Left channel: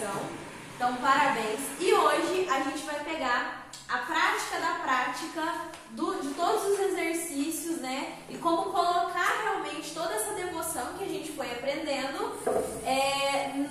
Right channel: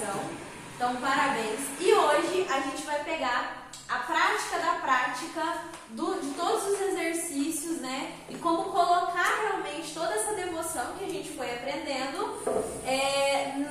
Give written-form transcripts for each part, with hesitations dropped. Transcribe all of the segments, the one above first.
coração. Então, parabéns. E hoje a gente vai pegar a prática da prática de todos os exercícios, né? E como colocar realmente toda essa devoção que a gente foi aprendendo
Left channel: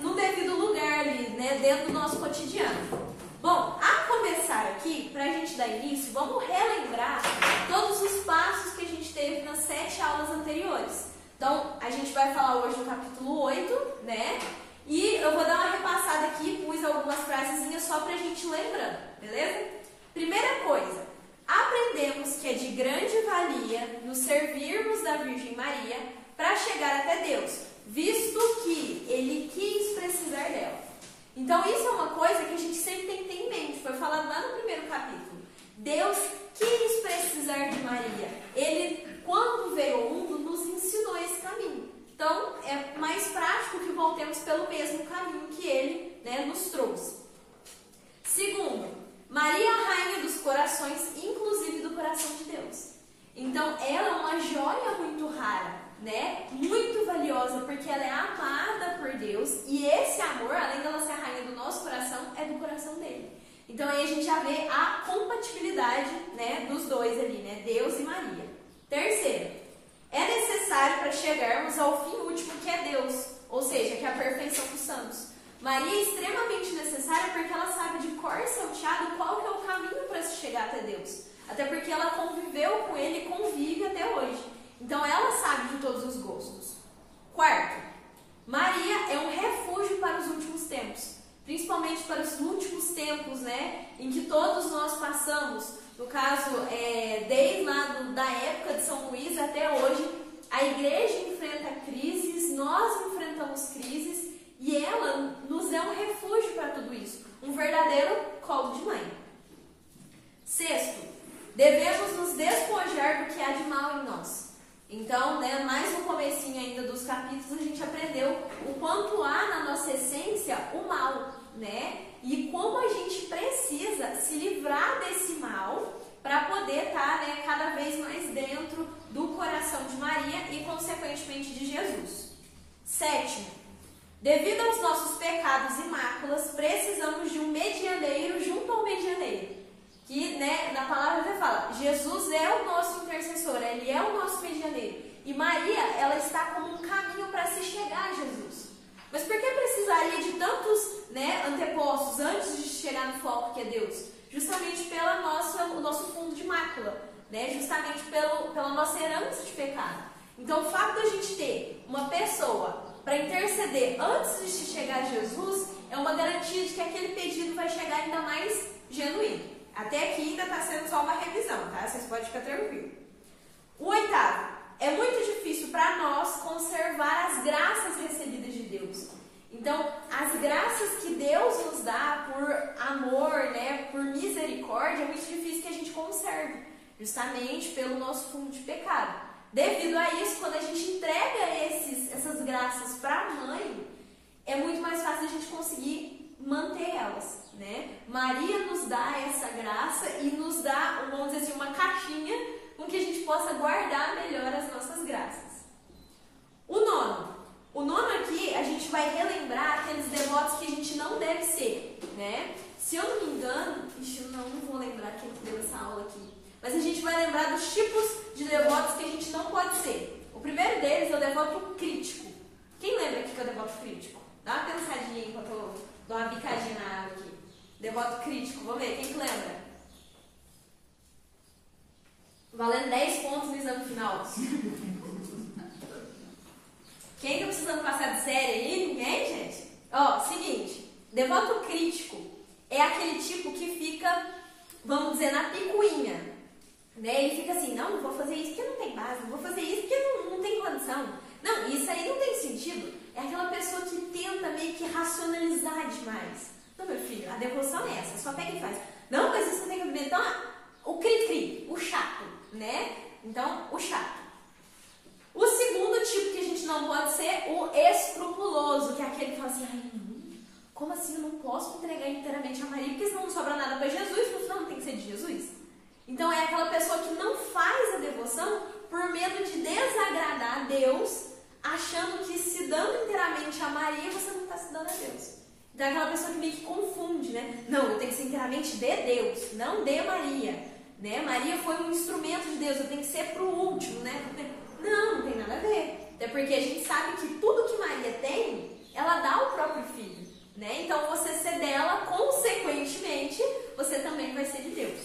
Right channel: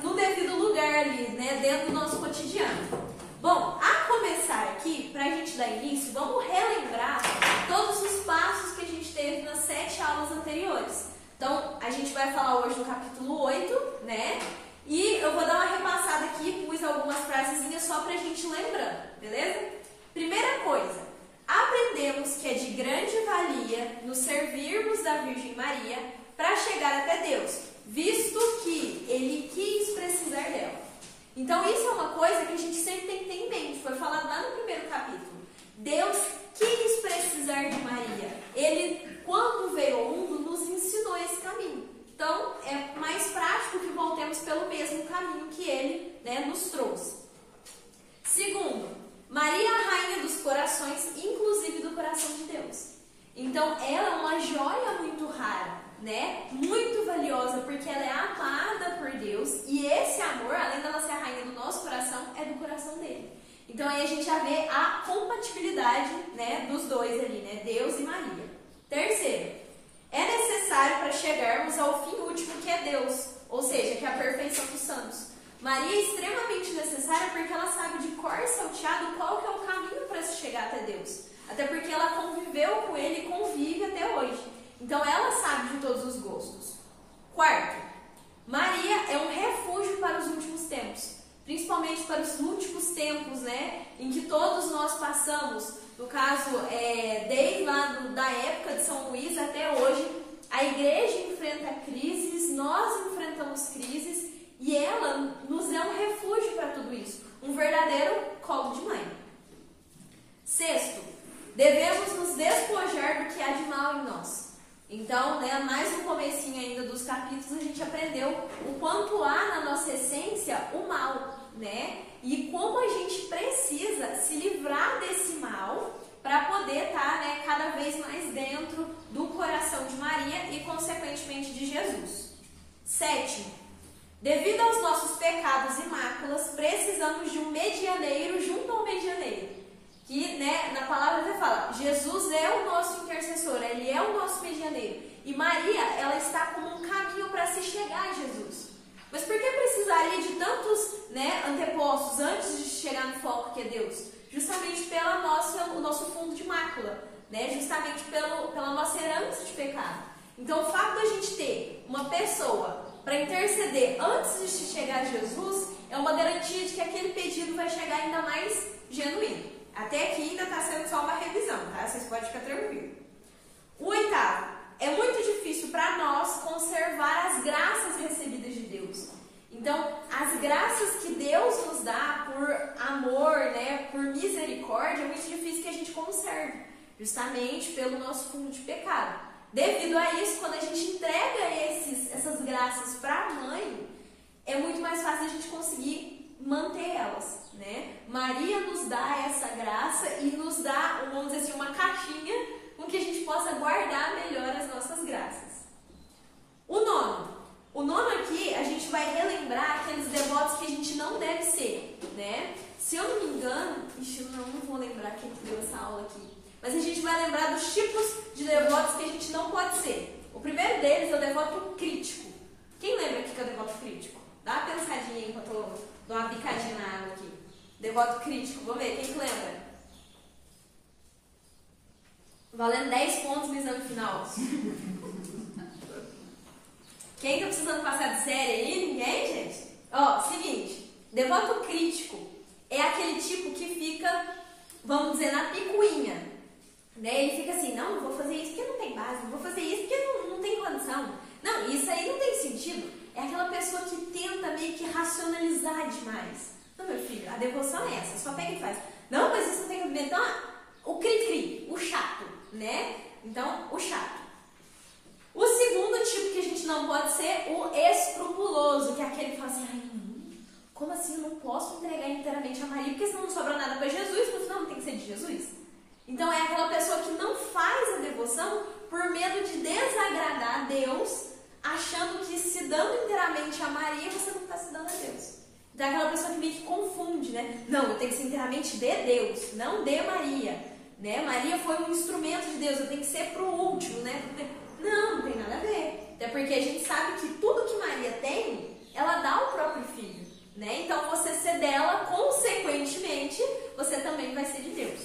no devido lugar ali, né? Dentro do nosso cotidiano. Bom, a começar aqui, para a gente dar início, vamos relembrar todos os passos que a gente teve nas 7 aulas anteriores. Então, a gente vai falar hoje do capítulo 8, né? E eu vou dar uma repassada aqui, pus algumas frasezinhas só para a gente lembrar, beleza? Primeira coisa, aprendemos que é de grande valia nos servirmos da Virgem Maria para chegar até Deus, visto que Ele quis precisar dela. Então, isso é uma coisa que a gente sempre tem que ter em mente. Foi falado lá no primeiro capítulo. Deus quis precisar de Maria. Ele, quando veio ao mundo, nos ensinou esse caminho. Então, é mais prático que voltemos pelo mesmo caminho que Ele, né, nos trouxe. Segundo, Maria é a rainha dos corações, inclusive do coração de Deus. Então, ela é uma joia muito rara, né? Muito valiosa, porque ela é amada por Deus e esse amor, além dela ser a rainha do nosso coração, é do coração dele. Então aí a gente já vê a compatibilidade, né, dos dois ali, né? Deus e Maria. Terceiro, é necessário para chegarmos ao fim último que é Deus, ou seja, que é a perfeição dos santos. Maria é extremamente necessária porque ela sabe de cor e salteado qual que é o caminho para se chegar até Deus. Até porque ela conviveu com ele e convive até hoje. Então, ela sabe de todos os gostos. Quarto, Maria é um refúgio para os últimos tempos. Principalmente para os últimos tempos, né? Em que todos nós passamos. No caso, desde lá da época de São Luís até hoje, a igreja enfrenta crises, nós enfrentamos crises. E ela nos é um refúgio para tudo isso. Um verdadeiro colo de mãe. Sexto, devemos nos despojar do que há de mal em nós. Então, né, mais no comecinho ainda dos capítulos, a gente aprendeu o quanto há na nossa essência o mal, né? E como a gente precisa se livrar desse mal para poder estar, né, cada vez mais dentro do coração de Maria e, consequentemente, de Jesus. Sétimo, devido aos nossos pecados e máculas, precisamos de um medianeiro junto ao medianeiro. Que, né, na palavra já fala, Jesus é o nosso intercessor, Ele é o nosso medianeiro. E Maria, ela está como um caminho para se chegar a Jesus. Mas por que precisaria de tantos, né, antepostos antes de chegar no foco que é Deus? Justamente pelo nosso fundo de mácula, né, justamente pela nossa herança de pecado. Então, o fato de a gente ter uma pessoa para interceder antes de chegar a Jesus é uma garantia de que aquele pedido vai chegar ainda mais genuíno. Até aqui ainda está sendo só uma revisão, tá? Vocês podem ficar tranquilos. O oitavo, é muito difícil para nós conservar as graças recebidas de Deus. Então, as graças que Deus nos dá por amor, né, por misericórdia, é muito difícil que a gente conserve, justamente pelo nosso fundo de pecado. Devido a isso, quando a gente entrega essas graças para a mãe, é muito mais fácil a gente conseguir manter elas. Né? Maria nos dá essa graça e nos dá, vamos dizer assim, uma caixinha com que a gente possa guardar melhor as nossas graças. O nono aqui, a gente vai relembrar aqueles devotos que a gente não deve ser, né? Se eu não me engano, não vou lembrar quem deu essa aula aqui, mas a gente vai lembrar dos tipos de devotos que a gente não pode ser. O primeiro deles é o devoto crítico. Quem lembra aqui que é o devoto crítico? Dá uma pensadinha aí enquanto eu dou uma bicadinha na água aqui. Devoto crítico, vamos ver, quem que lembra? Valendo 10 pontos no exame final. Quem tá precisando passar de série aí? Ninguém, gente? Ó, seguinte, devoto crítico é aquele tipo que fica, vamos dizer, na picuinha. Né? Ele fica assim, não vou fazer isso porque não tem base, não vou fazer isso porque não tem condição. Não, isso aí não tem sentido. É aquela pessoa que tenta meio que racionalizar demais. Não, meu filho, a devoção é essa, só pega e faz. Não, mas isso tem que ver. Então, o cri-cri, o chato, né? Então, o chato. O segundo tipo que a gente não pode ser, o escrupuloso, que é aquele que fala assim, ai não, como assim eu não posso entregar inteiramente a Maria, porque senão não sobra nada para Jesus, no final não tem que ser de Jesus. Então, é aquela pessoa que não faz a devoção por medo de desagradar a Deus, achando que se dando inteiramente a Maria, você não está se dando a Deus. Então é aquela pessoa que meio que confunde, né? Não, eu tenho que ser inteiramente de Deus, não de Maria, né? Maria foi um instrumento de Deus, eu tenho que ser pro último, né? Não tem nada a ver. Até porque a gente sabe que tudo que Maria tem, ela dá ao próprio filho, né? Então você ser dela, consequentemente, você também vai ser de Deus.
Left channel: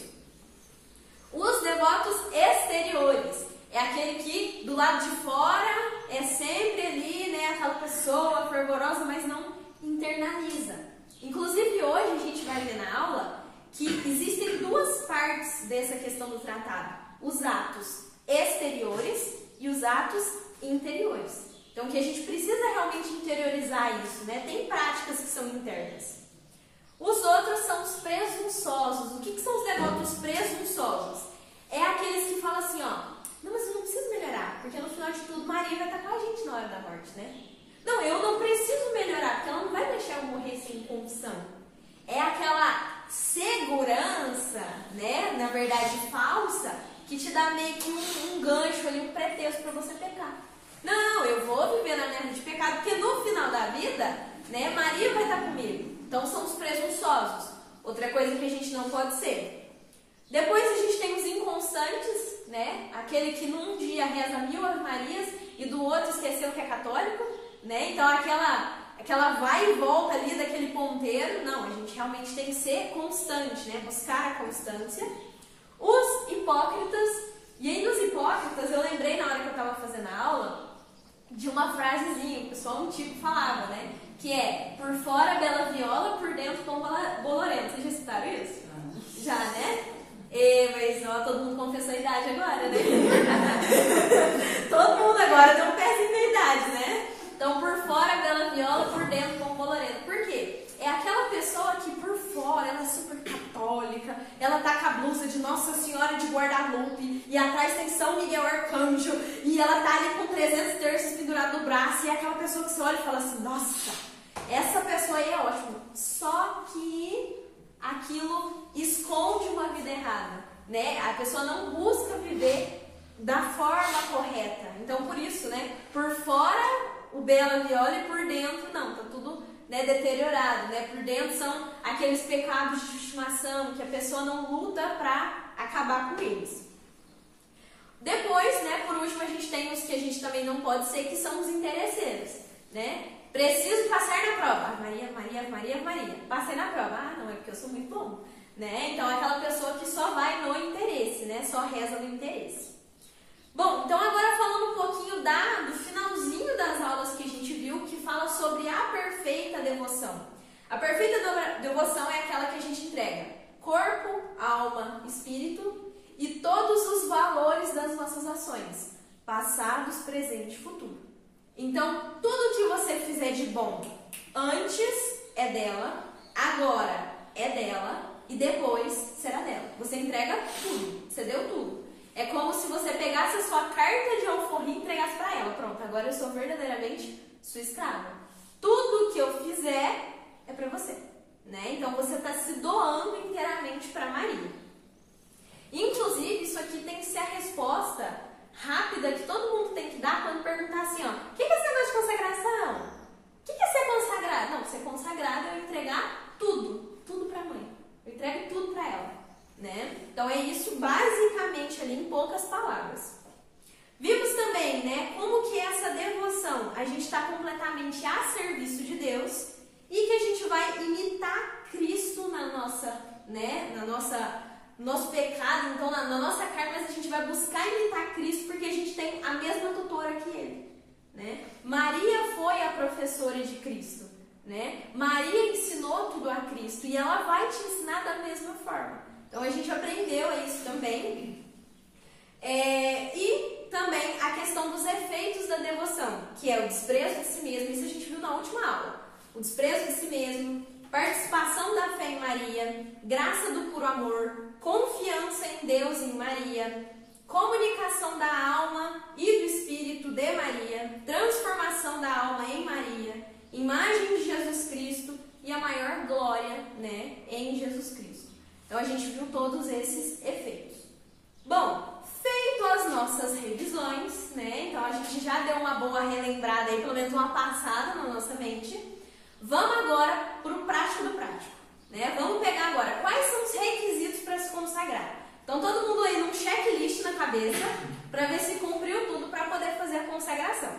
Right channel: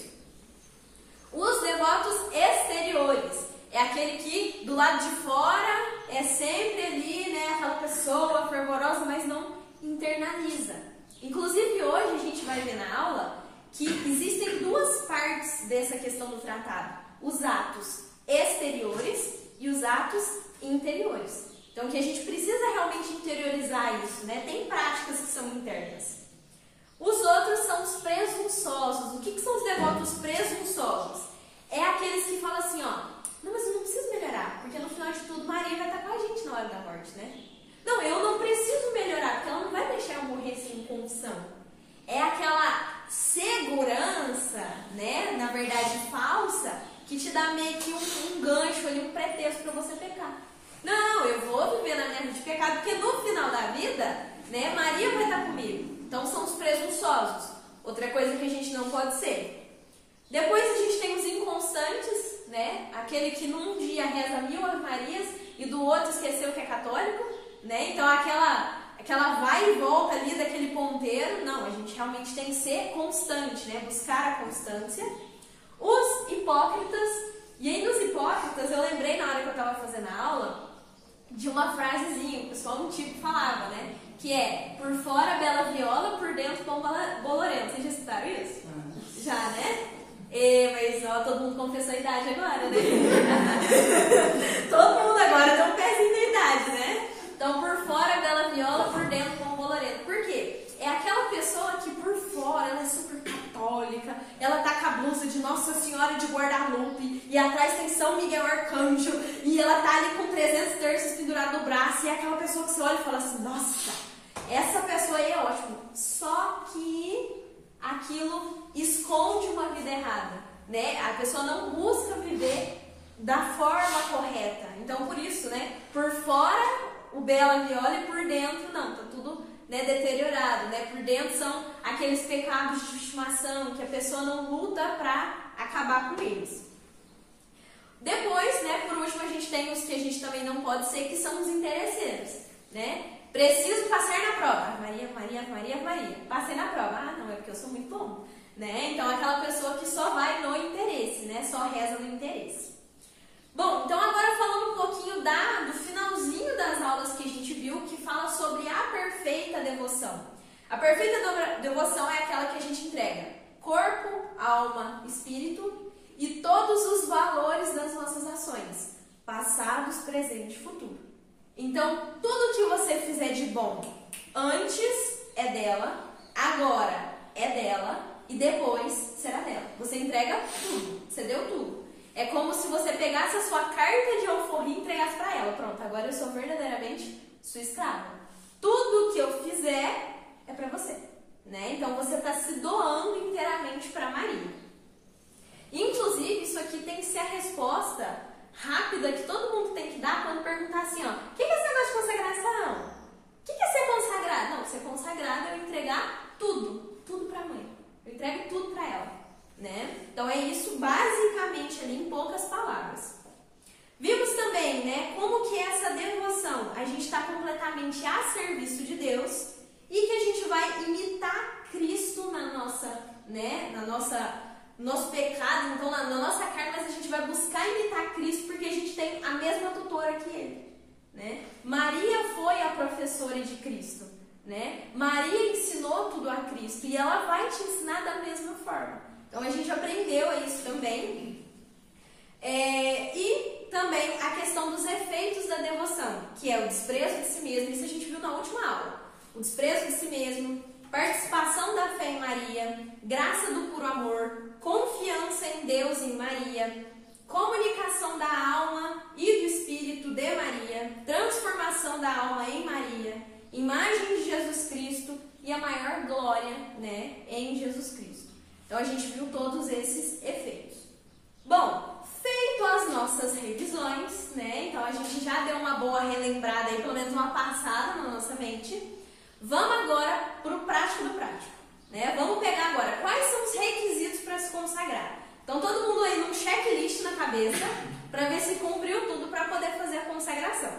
Os devotos exteriores é aquele que do lado de fora é sempre ali, né? Aquela pessoa fervorosa, mas não internaliza. Inclusive hoje a gente vai ver na aula que existem duas partes dessa questão do tratado: os atos exteriores e os atos interiores. Então que a gente precisa realmente interiorizar isso, né? Tem práticas que são internas. Os outros são os presunçosos. O que são os devotos presunçosos? É aqueles que falam assim, ó, não, mas eu não preciso melhorar, porque no final de tudo Maria vai estar com a gente na hora da morte, né? Não, eu não preciso melhorar, porque ela não vai deixar eu morrer sem confissão. É aquela segurança, né, na verdade falsa, que te dá meio que um gancho ali, um pretexto para você pecar. Não, eu vou viver na minha vida de pecado, porque no final da vida, né, Maria vai estar comigo. Então são os presunçosos. Outra coisa que a gente não pode ser. Depois a gente tem os inconstantes, né, aquele que num dia reza 1000 Ave Marias e do outro esqueceu que é católico, né? Então aquela vai e volta ali daquele ponteiro. Não, a gente realmente tem que ser constante, né? Buscar a constância. Os hipócritas, e aí nos hipócritas eu lembrei na hora que eu estava fazendo a aula de uma frasezinha, o pessoal antigo falava, né? Que é, por fora bela viola, por dentro pão bolorento. Vocês já escutaram isso? Já, né? Mas ó, todo mundo confessou a idade agora, né? Todo mundo agora tem um pezinho da idade, né? Então, por fora bela viola, por dentro pão bolorento. Por quê? É aquela pessoa que por fora ela é super católica, ela tá com a blusa de Nossa Senhora de Guadalupe e atrás tem São Miguel Arcanjo e ela tá ali com 300 terços pendurado no braço e é aquela pessoa que você olha e fala assim, nossa, essa pessoa aí é ótima. Só que aquilo esconde uma vida errada, né? A pessoa não busca viver da forma correta. Então, por isso, né? Por fora o bela viola e por dentro não, tá tudo, né, deteriorado, né? Por dentro são aqueles pecados de estimação que a pessoa não luta para acabar com eles. Depois, né, por último, a gente tem os que a gente também não pode ser, que são os interesseiros, né? Preciso passar na prova. Maria, Maria, Maria, Maria. Passei na prova. Ah, não, é porque eu sou muito bom, né? Então, é aquela pessoa que só vai no interesse, né? Só reza no interesse. Bom, então agora falando um pouquinho do finalzinho das aulas que a gente viu, que fala sobre a perfeita devoção. A perfeita devoção é aquela que a gente entrega corpo, alma, espírito e todos os valores das nossas ações, passados, presente e futuro. Então, tudo que você fizer de bom antes é dela, agora é dela e depois será dela. Você entrega tudo, você deu tudo. É como se você pegasse a sua carta de alforria e entregasse para ela. Pronto, agora eu sou verdadeiramente sua escrava. Tudo que eu fizer é para você, né? Então você está se doando inteiramente para Maria. Inclusive, isso aqui tem que ser a resposta rápida que todo mundo tem que dar quando perguntar assim, ó, o que é esse negócio de consagração? O que é ser consagrado? Não, ser consagrado é eu entregar tudo para a mãe. Eu entrego tudo para ela. Né? Então é isso basicamente ali em poucas palavras. Vimos também, né, como que essa devoção a gente está completamente a serviço de Deus e que a gente vai imitar Cristo na nossa, né, nosso pecado, então na nossa carne, mas a gente vai buscar imitar Cristo porque a gente tem a mesma tutora que Ele, né? Maria foi a professora de Cristo, né? Maria ensinou tudo a Cristo e ela vai te ensinar da mesma forma. Então, a gente aprendeu isso também. E também a questão dos efeitos da devoção, que é o desprezo de si mesmo. Isso a gente viu na última aula. O desprezo de si mesmo, participação da fé em Maria, graça do puro amor, confiança em Deus e em Maria, comunicação da alma e do espírito de Maria, transformação da alma em Maria, imagem de Jesus Cristo e a maior glória, né, em Jesus Cristo. Então, a gente viu todos esses efeitos. Bom, feito as nossas revisões, né? Então, a gente já deu uma boa relembrada aí, pelo menos uma passada na nossa mente. Vamos agora para o prático do prático, né? Vamos pegar agora quais são os requisitos para se consagrar. Então, todo mundo aí num checklist na cabeça para ver se cumpriu tudo para poder fazer a consagração.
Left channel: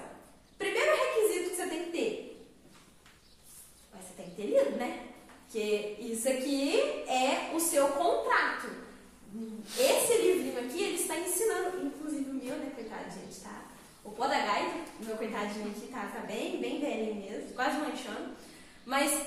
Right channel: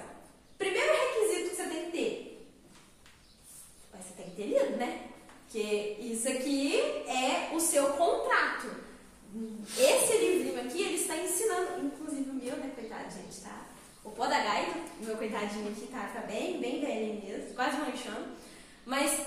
Primeiro requisito que você tem que ter, você tem que ter lido, né? Porque isso aqui é o seu contrato. Esse livrinho aqui, ele está ensinando, inclusive o meu, né, coitado, gente, tá? O pó da gaita, o meu coitadinho aqui tá bem velhinho mesmo, quase manchando. Mas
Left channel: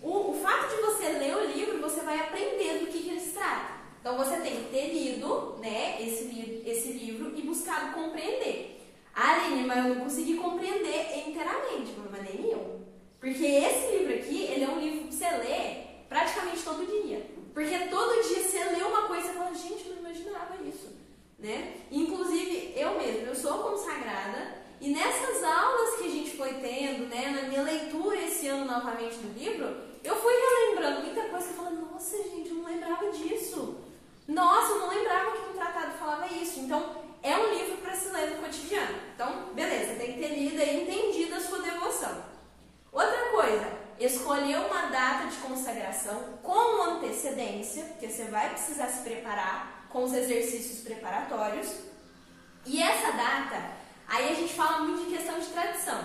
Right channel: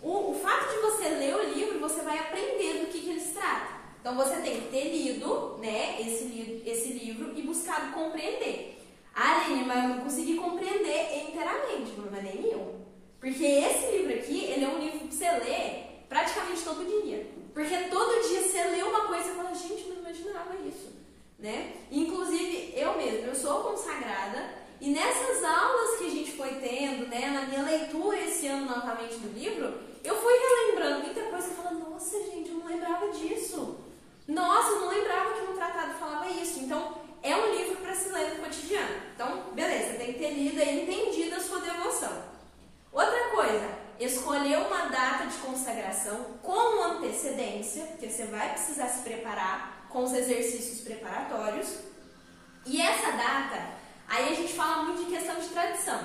o fato de você ler o livro, você vai aprender do que ele se trata. Então, você tem que ter lido, né, esse livro e buscado compreender. Aline, mas eu não consegui compreender inteiramente, o problema nem meu. Porque esse livro aqui, ele é um livro que você lê praticamente todo dia. Porque todo dia você lê uma coisa e fala, gente, eu não imaginava isso, né? Inclusive, eu mesma, eu sou consagrada e nessas aulas que a gente foi tendo, né, na minha leitura esse ano novamente do livro, eu fui relembrando muita coisa e falando, nossa, gente, eu não lembrava disso. Nossa, eu não lembrava que no tratado falava isso. Então, é um livro para se ler no cotidiano. Então, beleza, tem que ter lido e entendido a sua devoção. Outra coisa, escolher uma data de consagração com antecedência, porque você vai precisar se preparar com os exercícios preparatórios. E essa data, aí a gente fala muito de questão de tradição.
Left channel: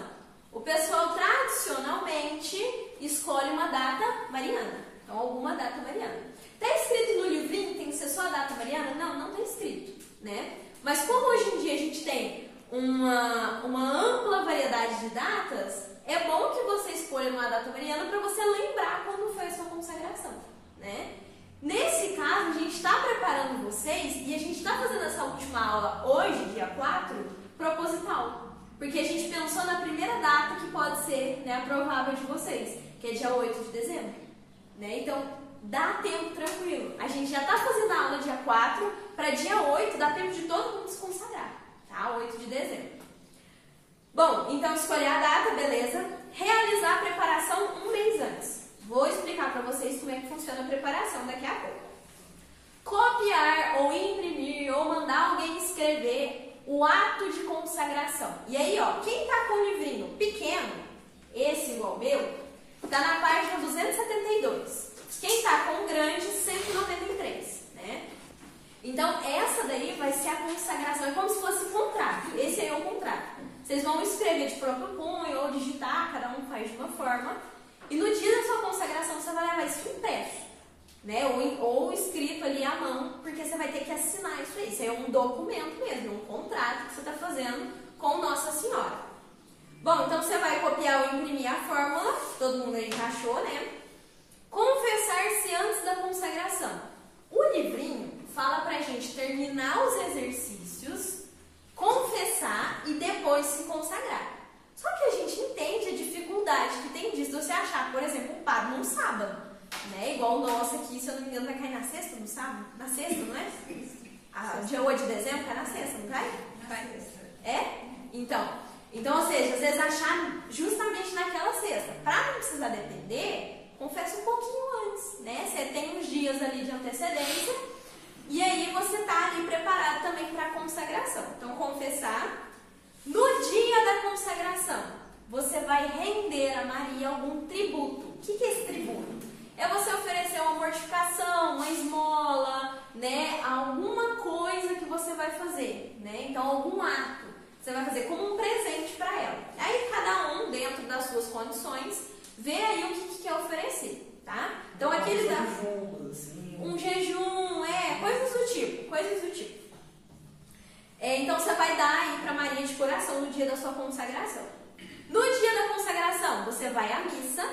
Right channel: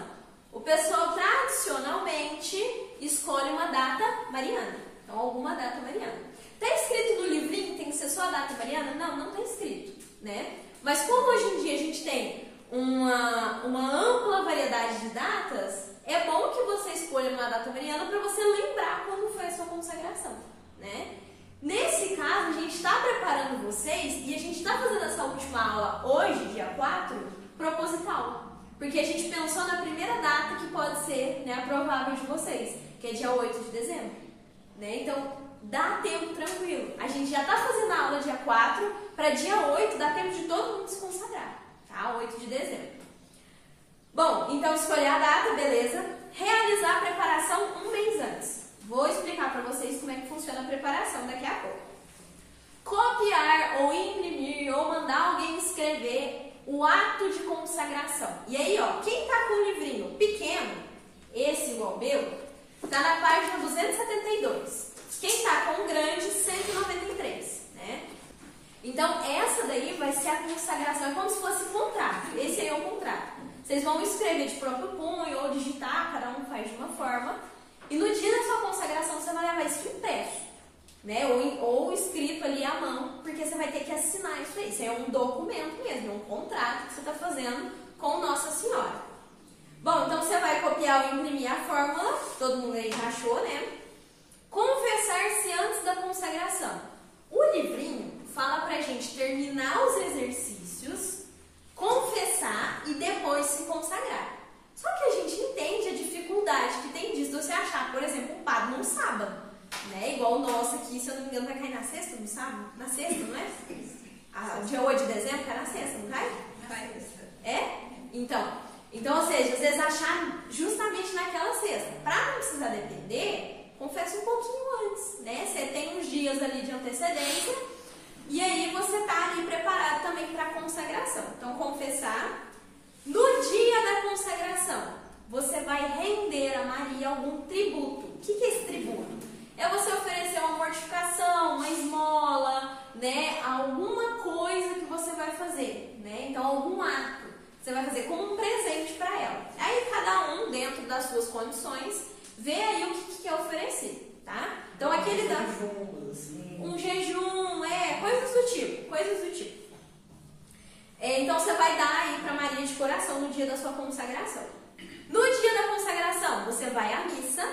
O pessoal tradicionalmente escolhe uma data mariana, então alguma data mariana. Está escrito no livrinho, tem que ser só a data mariana? Não, não está escrito, né? Mas como hoje em dia a gente tem uma ampla variedade de datas, é bom que você escolha uma data mariana para você lembrar quando foi a sua consagração, né? Nesse caso, a gente está preparando vocês e a gente está fazendo essa última aula hoje, dia 4, proposital. Porque a gente pensou na primeira data que pode ser, né, a provável de vocês, que é dia 8 de dezembro, né? Então, dá tempo tranquilo. A gente já está fazendo a aula dia 4, para dia 8 dá tempo de todo mundo se consagrar, tá? 8 de dezembro. Bom, então escolher a data, beleza. Realizar a preparação um mês antes. Vou explicar para vocês como é que funciona a preparação daqui a pouco. Copiar ou imprimir ou mandar alguém escrever o ato de consagração. E aí, ó, quem tá com o livrinho pequeno, esse igual o meu, tá na página 272. Quem tá com o grande, 193, né? Então, essa daí vai ser a consagração, é como se fosse um contrato. Esse aí é o contrato. Vocês vão escrever de próprio punho ou digitar, cada um faz de uma forma. E no dia da sua consagração, você vai levar isso impresso, né? Ou escrito ali à mão, porque você vai ter que assinar isso aí. Isso aí é um documento mesmo, é um contrato que você está fazendo com Nossa Senhora. Bom, então você vai copiar ou imprimir a fórmula, todo mundo aí já achou, né? Confessar-se antes da consagração. O livrinho fala pra gente terminar os exercícios, confessar e depois se consagrar. Só que a gente entende a dificuldade que tem disso, você achar, por exemplo, um padre num sábado, né? Igual o nosso aqui, se eu não me engano, vai cair na sexta, no sábado? Na sexta, não é? Dia 8 de dezembro cai na sexta, não cai? Na sexta. É? Então, ou seja, às vezes achar justamente naquela sexta. Pra não precisar depender, confessa um pouquinho antes, né? Você tem uns dias ali de antecedência e aí você tá ali preparado também para a consagração. Então, confessar. No dia da consagração, você vai render a Maria algum tributo. O que é esse tributo? É você oferecer uma mortificação, uma esmola, né? Alguma coisa que você vai fazer, né? Então, algum ato você vai fazer como um presente para ela. Aí, cada um, dentro das suas condições, vê aí o que quer oferecer, tá? Então, aquele dá um jejum, coisas do tipo. Então, você vai dar aí para Maria de coração no dia da sua consagração. No dia da consagração, você vai à missa,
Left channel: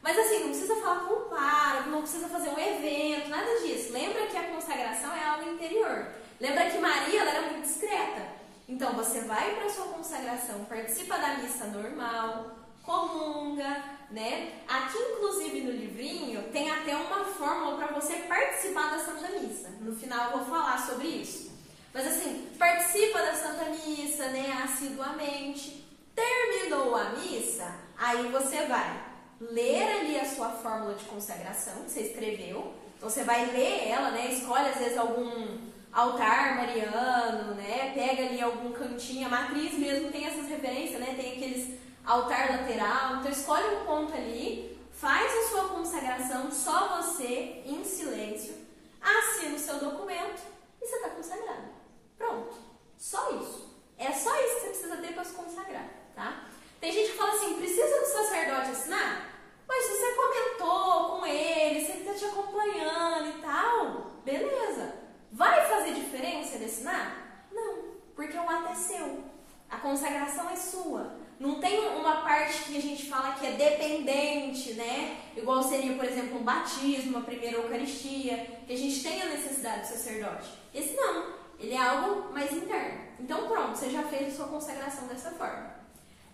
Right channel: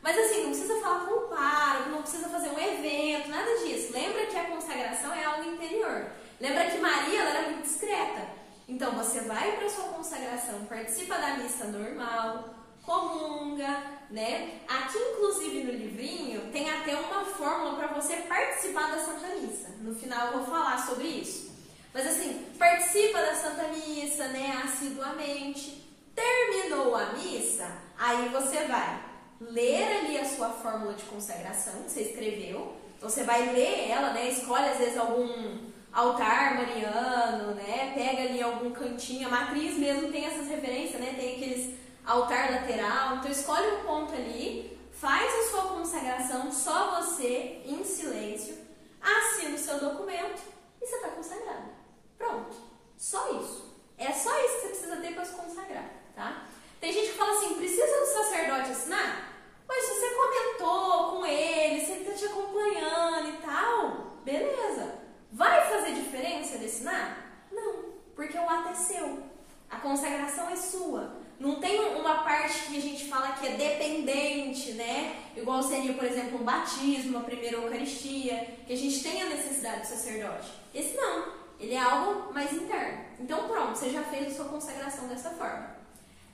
mas assim, não precisa falar com o pároco, não precisa fazer um evento, nada disso. Lembra que a consagração é algo interior. Lembra que Maria, ela era muito discreta. Então, você vai para a sua consagração, participa da missa normal, comunga, né? Aqui, inclusive, no livrinho, tem até uma fórmula para você participar da Santa Missa. No final, eu vou falar sobre isso. Mas assim, participa da Santa Missa, né, assiduamente. Terminou a missa, aí você vai ler ali a sua fórmula de consagração que você escreveu. Então, você vai ler ela, né, escolhe às vezes algum altar mariano, né, pega ali algum cantinho. A matriz mesmo tem essas referências, né, tem aqueles altar lateral. Então, escolhe um ponto ali, faz a sua consagração, só você, em silêncio, assina o seu documento e você está consagrado. Pronto. Só isso. É só isso que você precisa ter para se consagrar, tá? Tem gente que fala assim, precisa do sacerdote assinar? Mas se você comentou com ele, se ele está te acompanhando e tal, beleza. Vai fazer diferença ele assinar? Não, porque o ato é seu. A consagração é sua. Não tem uma parte que a gente fala que é dependente, né? Igual seria, por exemplo, um batismo, a primeira Eucaristia, que a gente tem a necessidade do sacerdote. Esse não, ele é algo mais interno. Então pronto, você já fez a sua consagração dessa forma.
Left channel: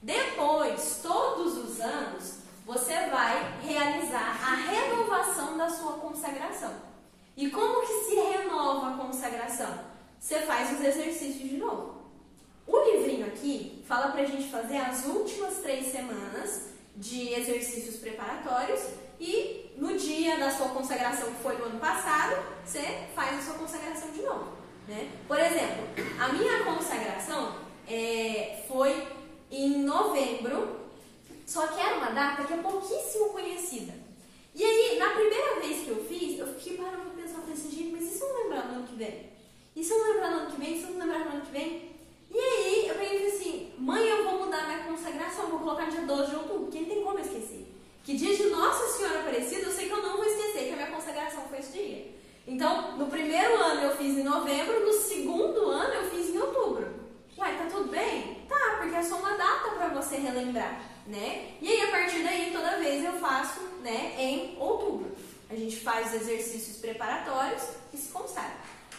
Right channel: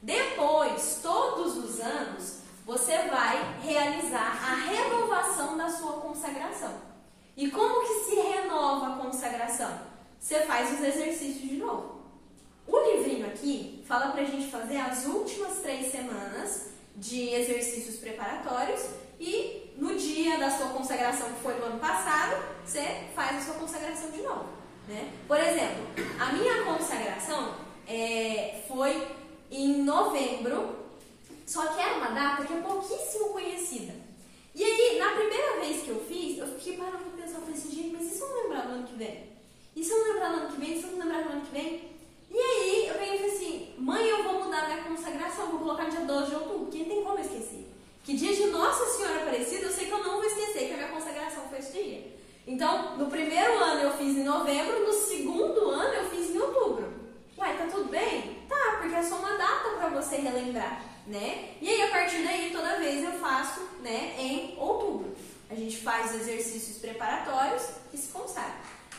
Depois, todos os anos, você vai realizar a renovação da sua consagração. E como que se renova a consagração? Você faz os exercícios de novo. O livrinho aqui fala pra gente fazer as últimas 3 semanas de exercícios preparatórios e no dia da sua consagração, que foi no ano passado, você faz a sua consagração de novo, né? Por exemplo, a minha consagração foi em novembro, só que era uma data que é pouquíssimo conhecida. E aí, na primeira vez que eu fiz, eu fiquei parando pra pensar, falei assim, gente, mas e se eu não lembrar no ano que vem? E se eu não lembrar no ano que vem? E se eu não lembrar no ano que vem? E aí, eu peguei e falei assim, mãe, eu vou mudar minha consagração, vou colocar dia 12 de outubro, porque não tem como eu esquecer. Que dia de Nossa Senhora Aparecida, eu sei que eu não vou esquecer, que a minha consagração foi esse dia. Então, no primeiro ano eu fiz em novembro, no segundo ano eu fiz em outubro. Ué, tá tudo bem? Tá, porque é só uma data pra você relembrar, né? E aí, a partir daí, toda vez eu faço, né, em outubro. A gente faz exercícios preparatórios e se consagra.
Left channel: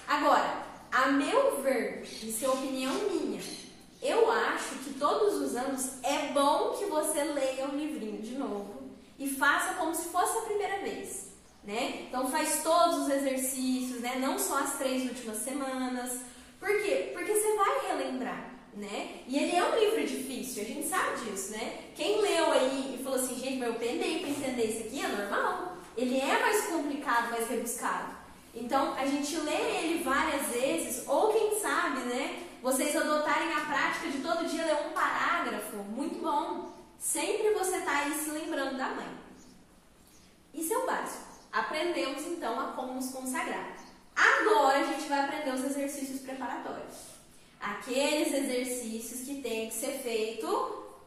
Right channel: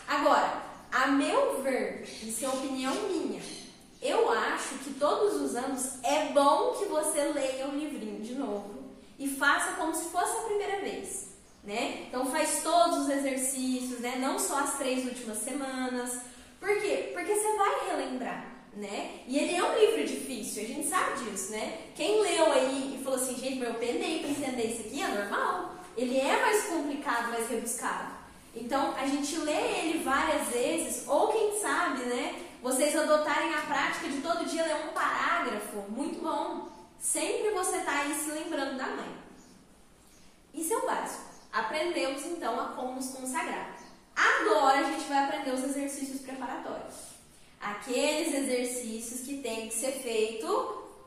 Agora, a meu ver, isso é opinião minha, eu acho que todos os anos é bom que você leia o livrinho de novo e faça como se fosse a primeira vez, né? Então faz todos os exercícios, né? Não só as 3 últimas semanas. Por quê? Porque você vai relembrar, né? E ele é um livro difícil, a gente sabe disso, né? Quem leu aí e falou assim, gente, mas eu penei para entender isso aqui, é normal. Ele é mais complicado, mais rebuscado. Então, a gente lê ele várias vezes, ou quem sabe, né, vocês adotarem a prática de todo dia ler um parágrafo, muito bom. Sempre você está aí se lembrando da mãe. Isso é o básico. Aprendemos, então, a como nos consagrar. Agora, a gente vai aprender os exercícios preparatórios. Aqueles exercícios que têm que ser feito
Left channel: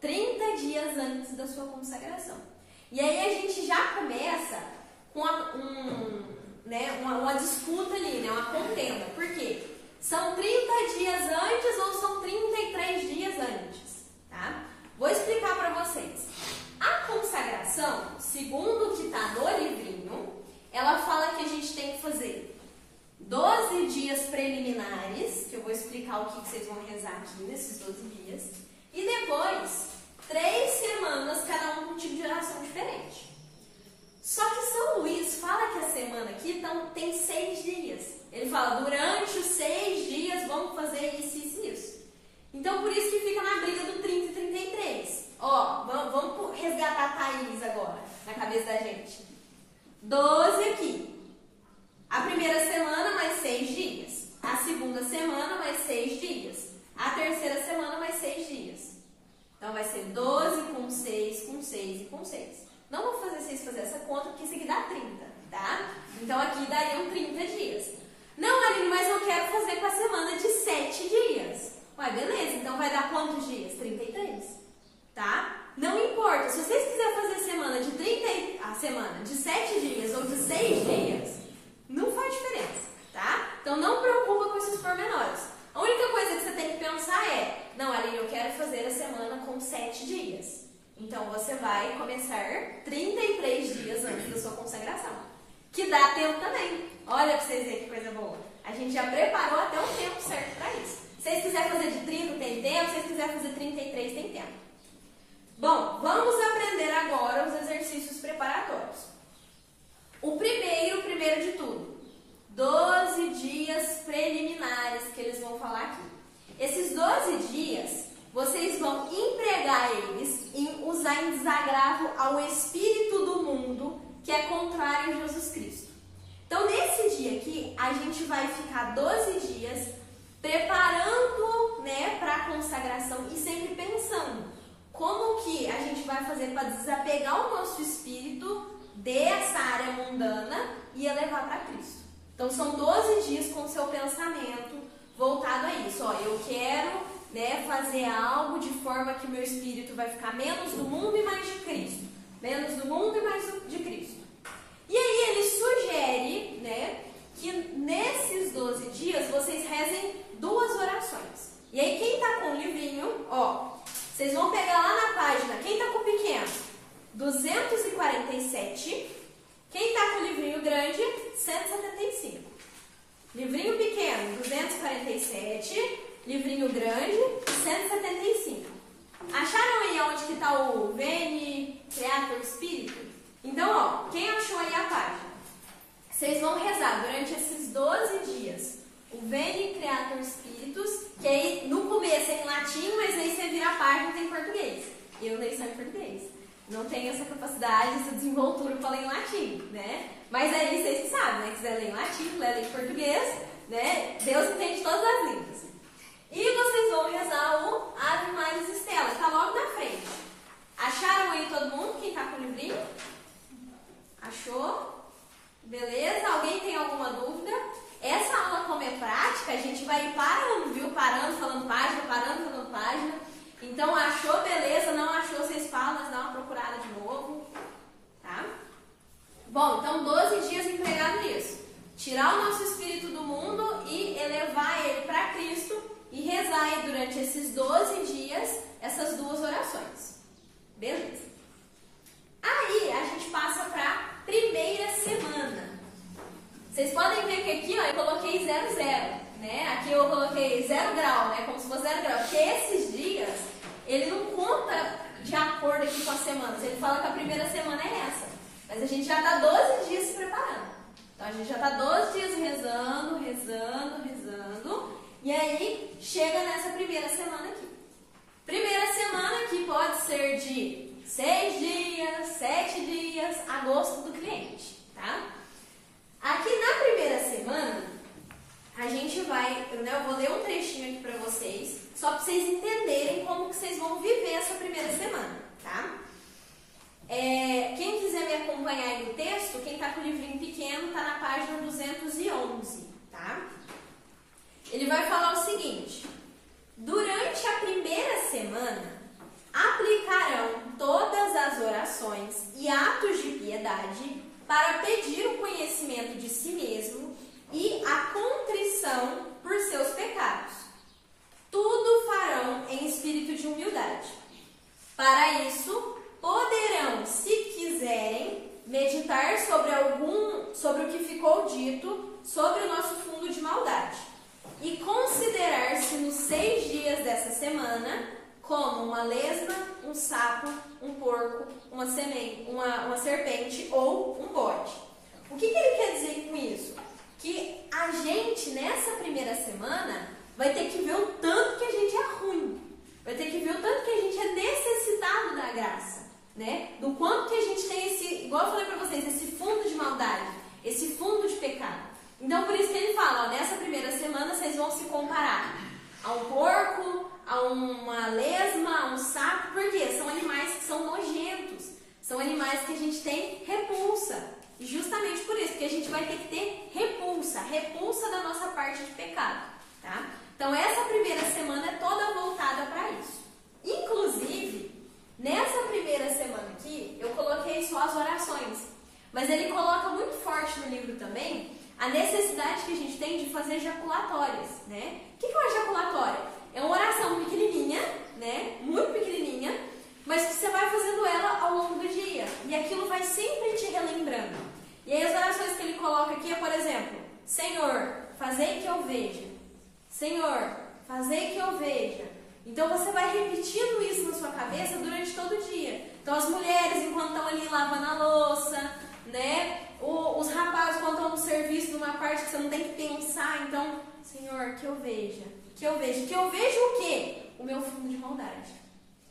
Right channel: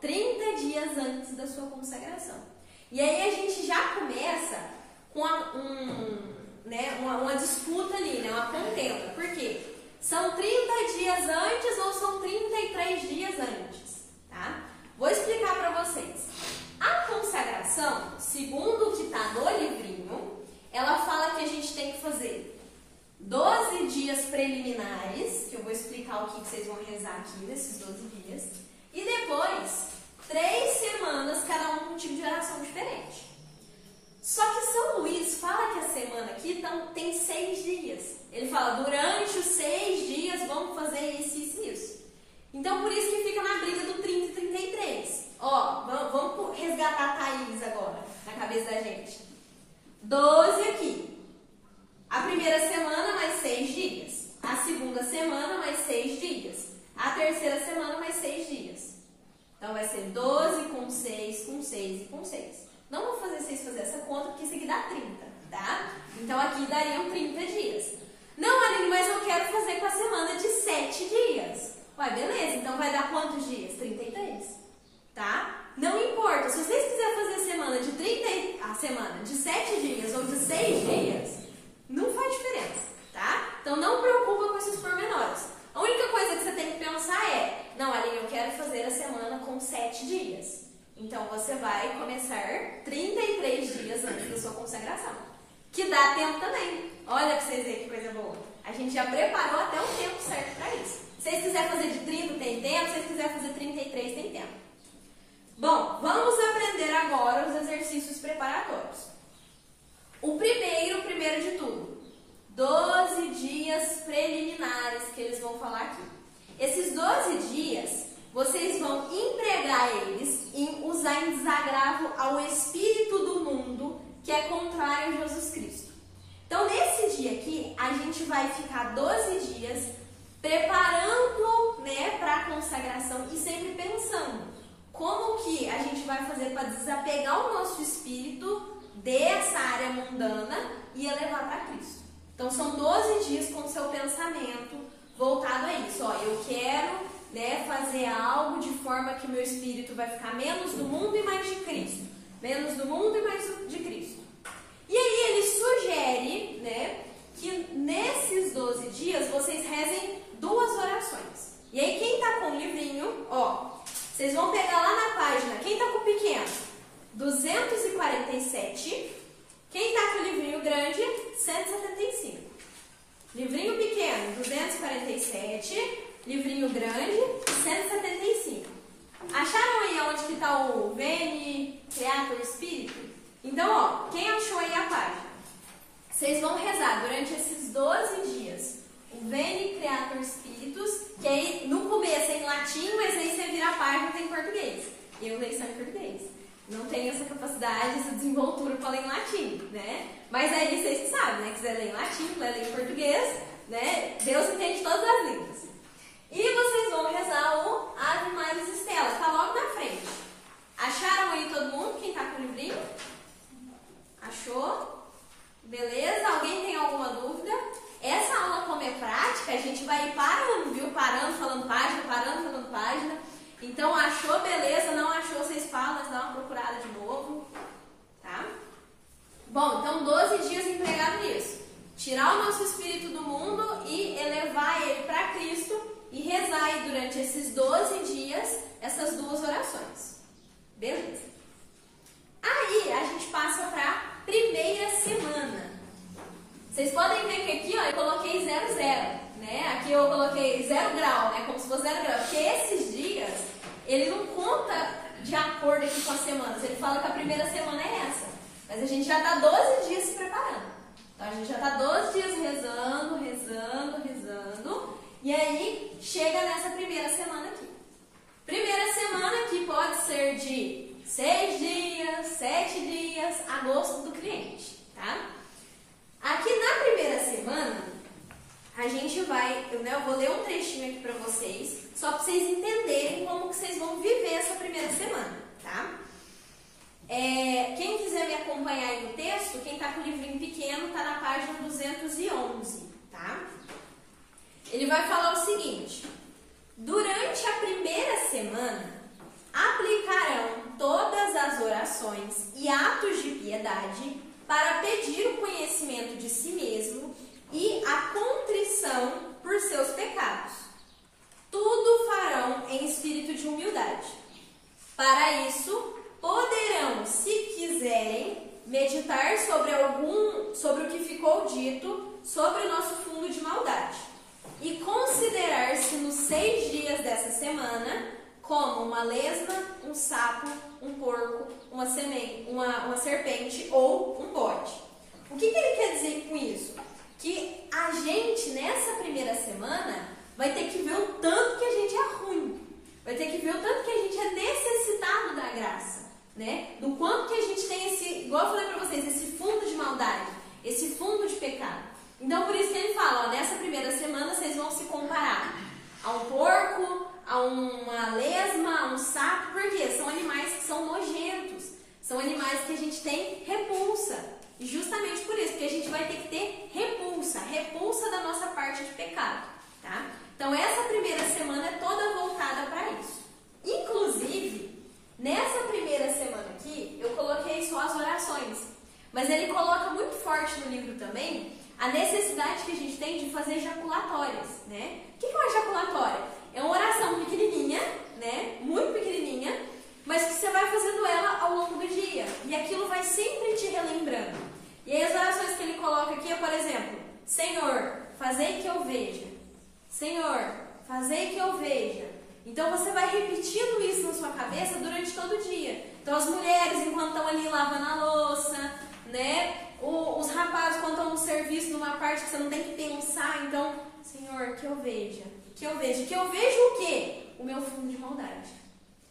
30 dias antes da sua consagração. E aí, a gente já começa com uma disputa ali, né? Uma contenda. Por quê? São 30 dias antes ou são 33 dias antes? Tá? Vou explicar para vocês. A consagração, segundo o que está no livrinho, ela fala que a gente tem que fazer 12 dias preliminares, que eu vou explicar o que vocês vão rezar aqui nesses 12 dias, e depois 3 semanas, cada um com um tipo de oração diferente. Só que São Luís fala que a semana aqui tem 6 dias. Ele fala, durante os 6 dias vamos fazer isso, isso e isso. Então, por isso que fica na briga do 30 e 33. Ó, vamos resgatar a Thaís agora, na cabeça da gente. 12 aqui. A primeira semana, mais 6 dias. A segunda semana, mais 6 dias. A terceira semana, mais 6 dias. Então, vai ser 12 com 6, com 6 e com 6. Não vou fazer vocês fazer essa conta, porque isso aqui dá 30, tá? Então, aqui dariam 30 dias. Não, Aline, mas eu quero fazer com a semana de 7 dias. Ué, beleza, então vai dar quantos dias? 33, tá? Não importa, se vocês quiserem fazer a semana de 7 dias ou de 6 dias, não faz diferença, tá? Então, não preocupa com esses pormenores. A única coisa que você tem que pensar é, não, Aline, eu quero fazer a semana com 7 dias. Então, você vai começar 33 dias antes da sua consagração. Que dá tempo também. Olha pra vocês verem que coisa boa. A gente já preparou até o tempo certo para isso. Se vocês quiserem fazer de 30, tem tempo. Se vocês quiserem fazer 33, tem tempo. Bom, vamos aprender agora os exercícios preparatórios. O primeiro de tudo, 12 dias preliminares que eles vão falar aqui. Esses 12 dias... vocês vão empregar eles em usar em desagravo ao espírito do mundo que é contrário a Jesus Cristo. Então, nesse dia aqui, a gente vai ficar 12 dias preparando, né, para a consagração e sempre pensando como que a gente vai fazer para desapegar o nosso espírito dessa área mundana e elevar para Cristo. Então são 12 dias com o seu pensamento voltado a isso. Ó, eu quero, né, fazer algo de forma que o meu espírito vai ficar menos do mundo e mais de Cristo. Menos do mundo e mais de Cristo. E aí ele sugere, né, que nesses 12 dias vocês rezem 2 orações. E aí quem tá com o livrinho, ó, vocês vão pegar lá na página, quem tá com o pequeno, 247. Quem tá com o livrinho grande, 175. Livrinho pequeno, 247. Livrinho grande, 175. Acharam aí onde que tá o Veni Creator Espírito? Então, ó, quem achou aí a página? Vocês vão rezar durante esses 12 dias o Veni Creator Spiritus, que aí no começo é em latim, mas aí você vira a página e tem em português. Eu leio só em português. Não tenho essa capacidade, essa desenvoltura para ler em latim, né? Mas aí vocês sabem, né? Quiser ler em latim, ler em português, né? Deus entende todas as línguas. E vocês vão rezar o Ave Maris Stella, tá logo na frente. Acharam aí todo mundo? Quem tá com o livrinho? Achou? Beleza? Alguém tem alguma dúvida? Essa aula, como é prática, a gente vai ir parando, viu? Parando, falando página, parando, falando página. Então, achou, beleza? Não achou, vocês falam, mas dá uma procurada de novo. Tá? Bom, então 12 dias empregado nisso. Tirar o nosso espírito do mundo e elevar ele para Cristo e rezar aí durante esses 12 dias essas 2 orações. Beleza? Aí, a gente passa para a primeira semana. Vocês podem ver que aqui, ó, eu coloquei 00, né? Aqui eu coloquei 0 grau, né? Como se fosse 0 grau. Porque esses dias, ele não conta de acordo aqui com as semanas. Ele fala que a primeira semana é essa. Mas a gente já está 12 dias se preparando. Então, a gente já está 12 dias rezando. E aí, chega nessa primeira semana aqui. Primeira semana que pode ser de 6 dias, 7 dias, a gosto do cliente, tá? Aqui na primeira semana, a gente vai, eu vou ler um trechinho aqui para vocês, só para vocês entenderem como que vocês vão viver essa primeira semana, tá? Quem quiser me acompanhar aí no texto, quem tá com o livrinho pequeno, tá na página 211, tá? Ele vai falar o seguinte: durante a primeira semana, aplicarão todas as orações e atos de piedade para pedir o conhecimento de si mesmo e a contrição por seus pecados. Tudo farão em espírito de humildade. Para isso, poderão, se quiserem, meditar sobre o que ficou dito sobre o nosso fundo de maldade e considerar-se nos 6 dias dessa semana como uma lesma, um sapo, um porco, uma serpente ou um bode. O que ele quer dizer com isso? Que a gente, nessa primeira semana, vai ter que ver o tanto que a gente é ruim. Vai ter que ver o tanto que a gente é necessitado da graça, né? Do quanto que a gente tem esse, igual eu falei pra vocês, esse fundo de maldade, esse fundo de pecado. Então, por isso que ele fala, ó, nessa primeira semana vocês vão se comparar a um porco, a uma lesma, a um sapo, porque são animais que são nojentos, são animais que a gente tem repulsa. E justamente por isso que a gente vai ter que ter repulsa da nossa parte de pecado, tá? Então essa primeira semana é toda voltada para isso. Inclusive, nessa primeira semana aqui, eu coloquei só as orações, mas ele coloca muito forte no livro também a necessidade que a gente tem de fazer ejaculatórias, né? O que é uma ejaculatória? É uma oração pequenininha, né? Muito pequenininha, mas que você vai fazendo ela ao longo do dia. E aquilo vai sempre te relembrando. E aí as orações que ele coloca aqui é, por exemplo, Senhor, fazei que eu veja. Senhor, fazei que eu veja. Então você vai repetindo isso na sua cabeça durante todo o dia. Então as mulheres, enquanto estão ali lavando a louça, né? Os rapazes, quando estão no serviço, numa parte que você não tem que pensar, então, Senhor, que eu veja. Que eu veja. Que eu veja o quê? O meu fundo de maldade.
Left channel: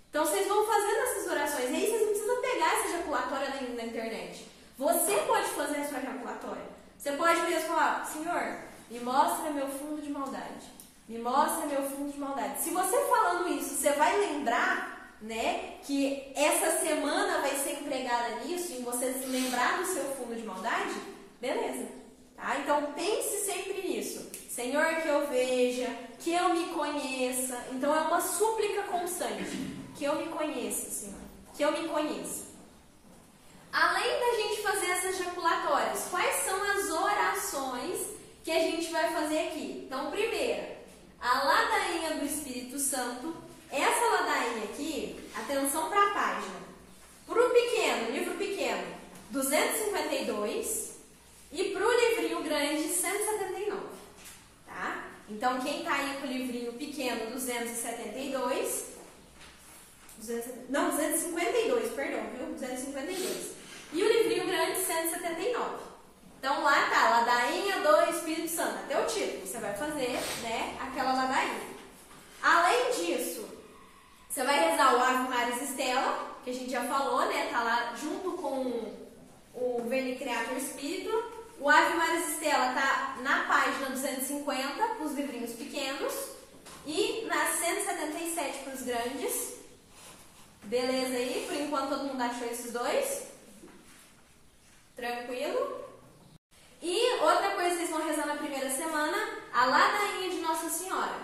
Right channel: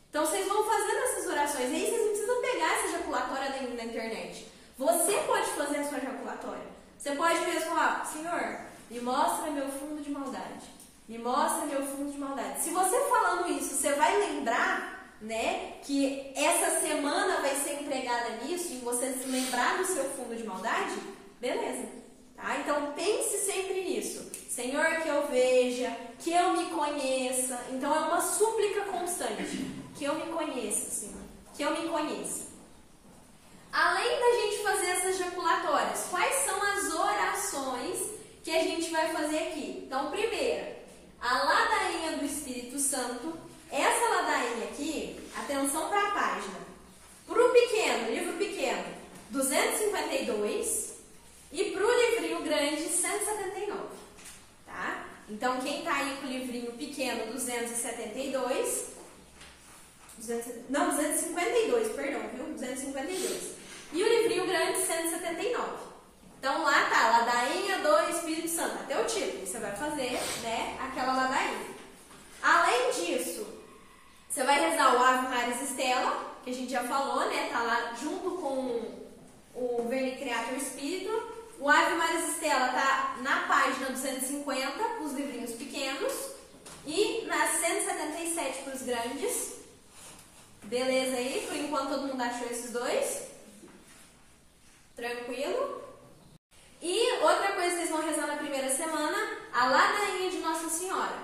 Então vocês vão fazendo essas orações. E aí vocês não precisam pegar essa ejaculatória na internet. Você pode fazer a sua ejaculatória. Você pode mesmo falar, Senhor, me mostra meu fundo de maldade. Me mostra meu fundo de maldade. Se você falando isso, você vai lembrar né, que essa semana vai ser empregada nisso, em você se lembrar do seu fundo de maldade, beleza. Tá? Então pense sempre nisso. Senhor, que eu veja, que eu me conheça. Então é uma súplica constante. Que eu me conheça, Senhor. Que eu me conheça. Além da gente fazer essas jaculatórias, quais são as orações que a gente vai fazer aqui? Então, primeiro, a ladainha do Espírito Santo. Essa ladainha aqui, atenção para a página. Para o pequeno, livro pequeno, 252. E para o livrinho grande, 179. Tá? Então, quem está aí com o livrinho pequeno, 252. 252, perdão, viu? 252. E o livrinho grande, 179. Então, lá tá, ladainha do Espírito Santo. Até o título, você vai fazer, né, aquela ladainha. Além disso, você vai rezar o Ave Maris Stella, que a gente já falou, né? Tá lá junto com o Veni Creator Espírito. O Ave Maris Stella tá na página 250, para os livrinhos pequenos. E na 177 para os grandes. Beleza aí? Por enquanto todo mundo achou esses dois? Tranquilo? E outra coisa que vocês vão rezar na primeira semana, a ladainha de Nossa Senhora.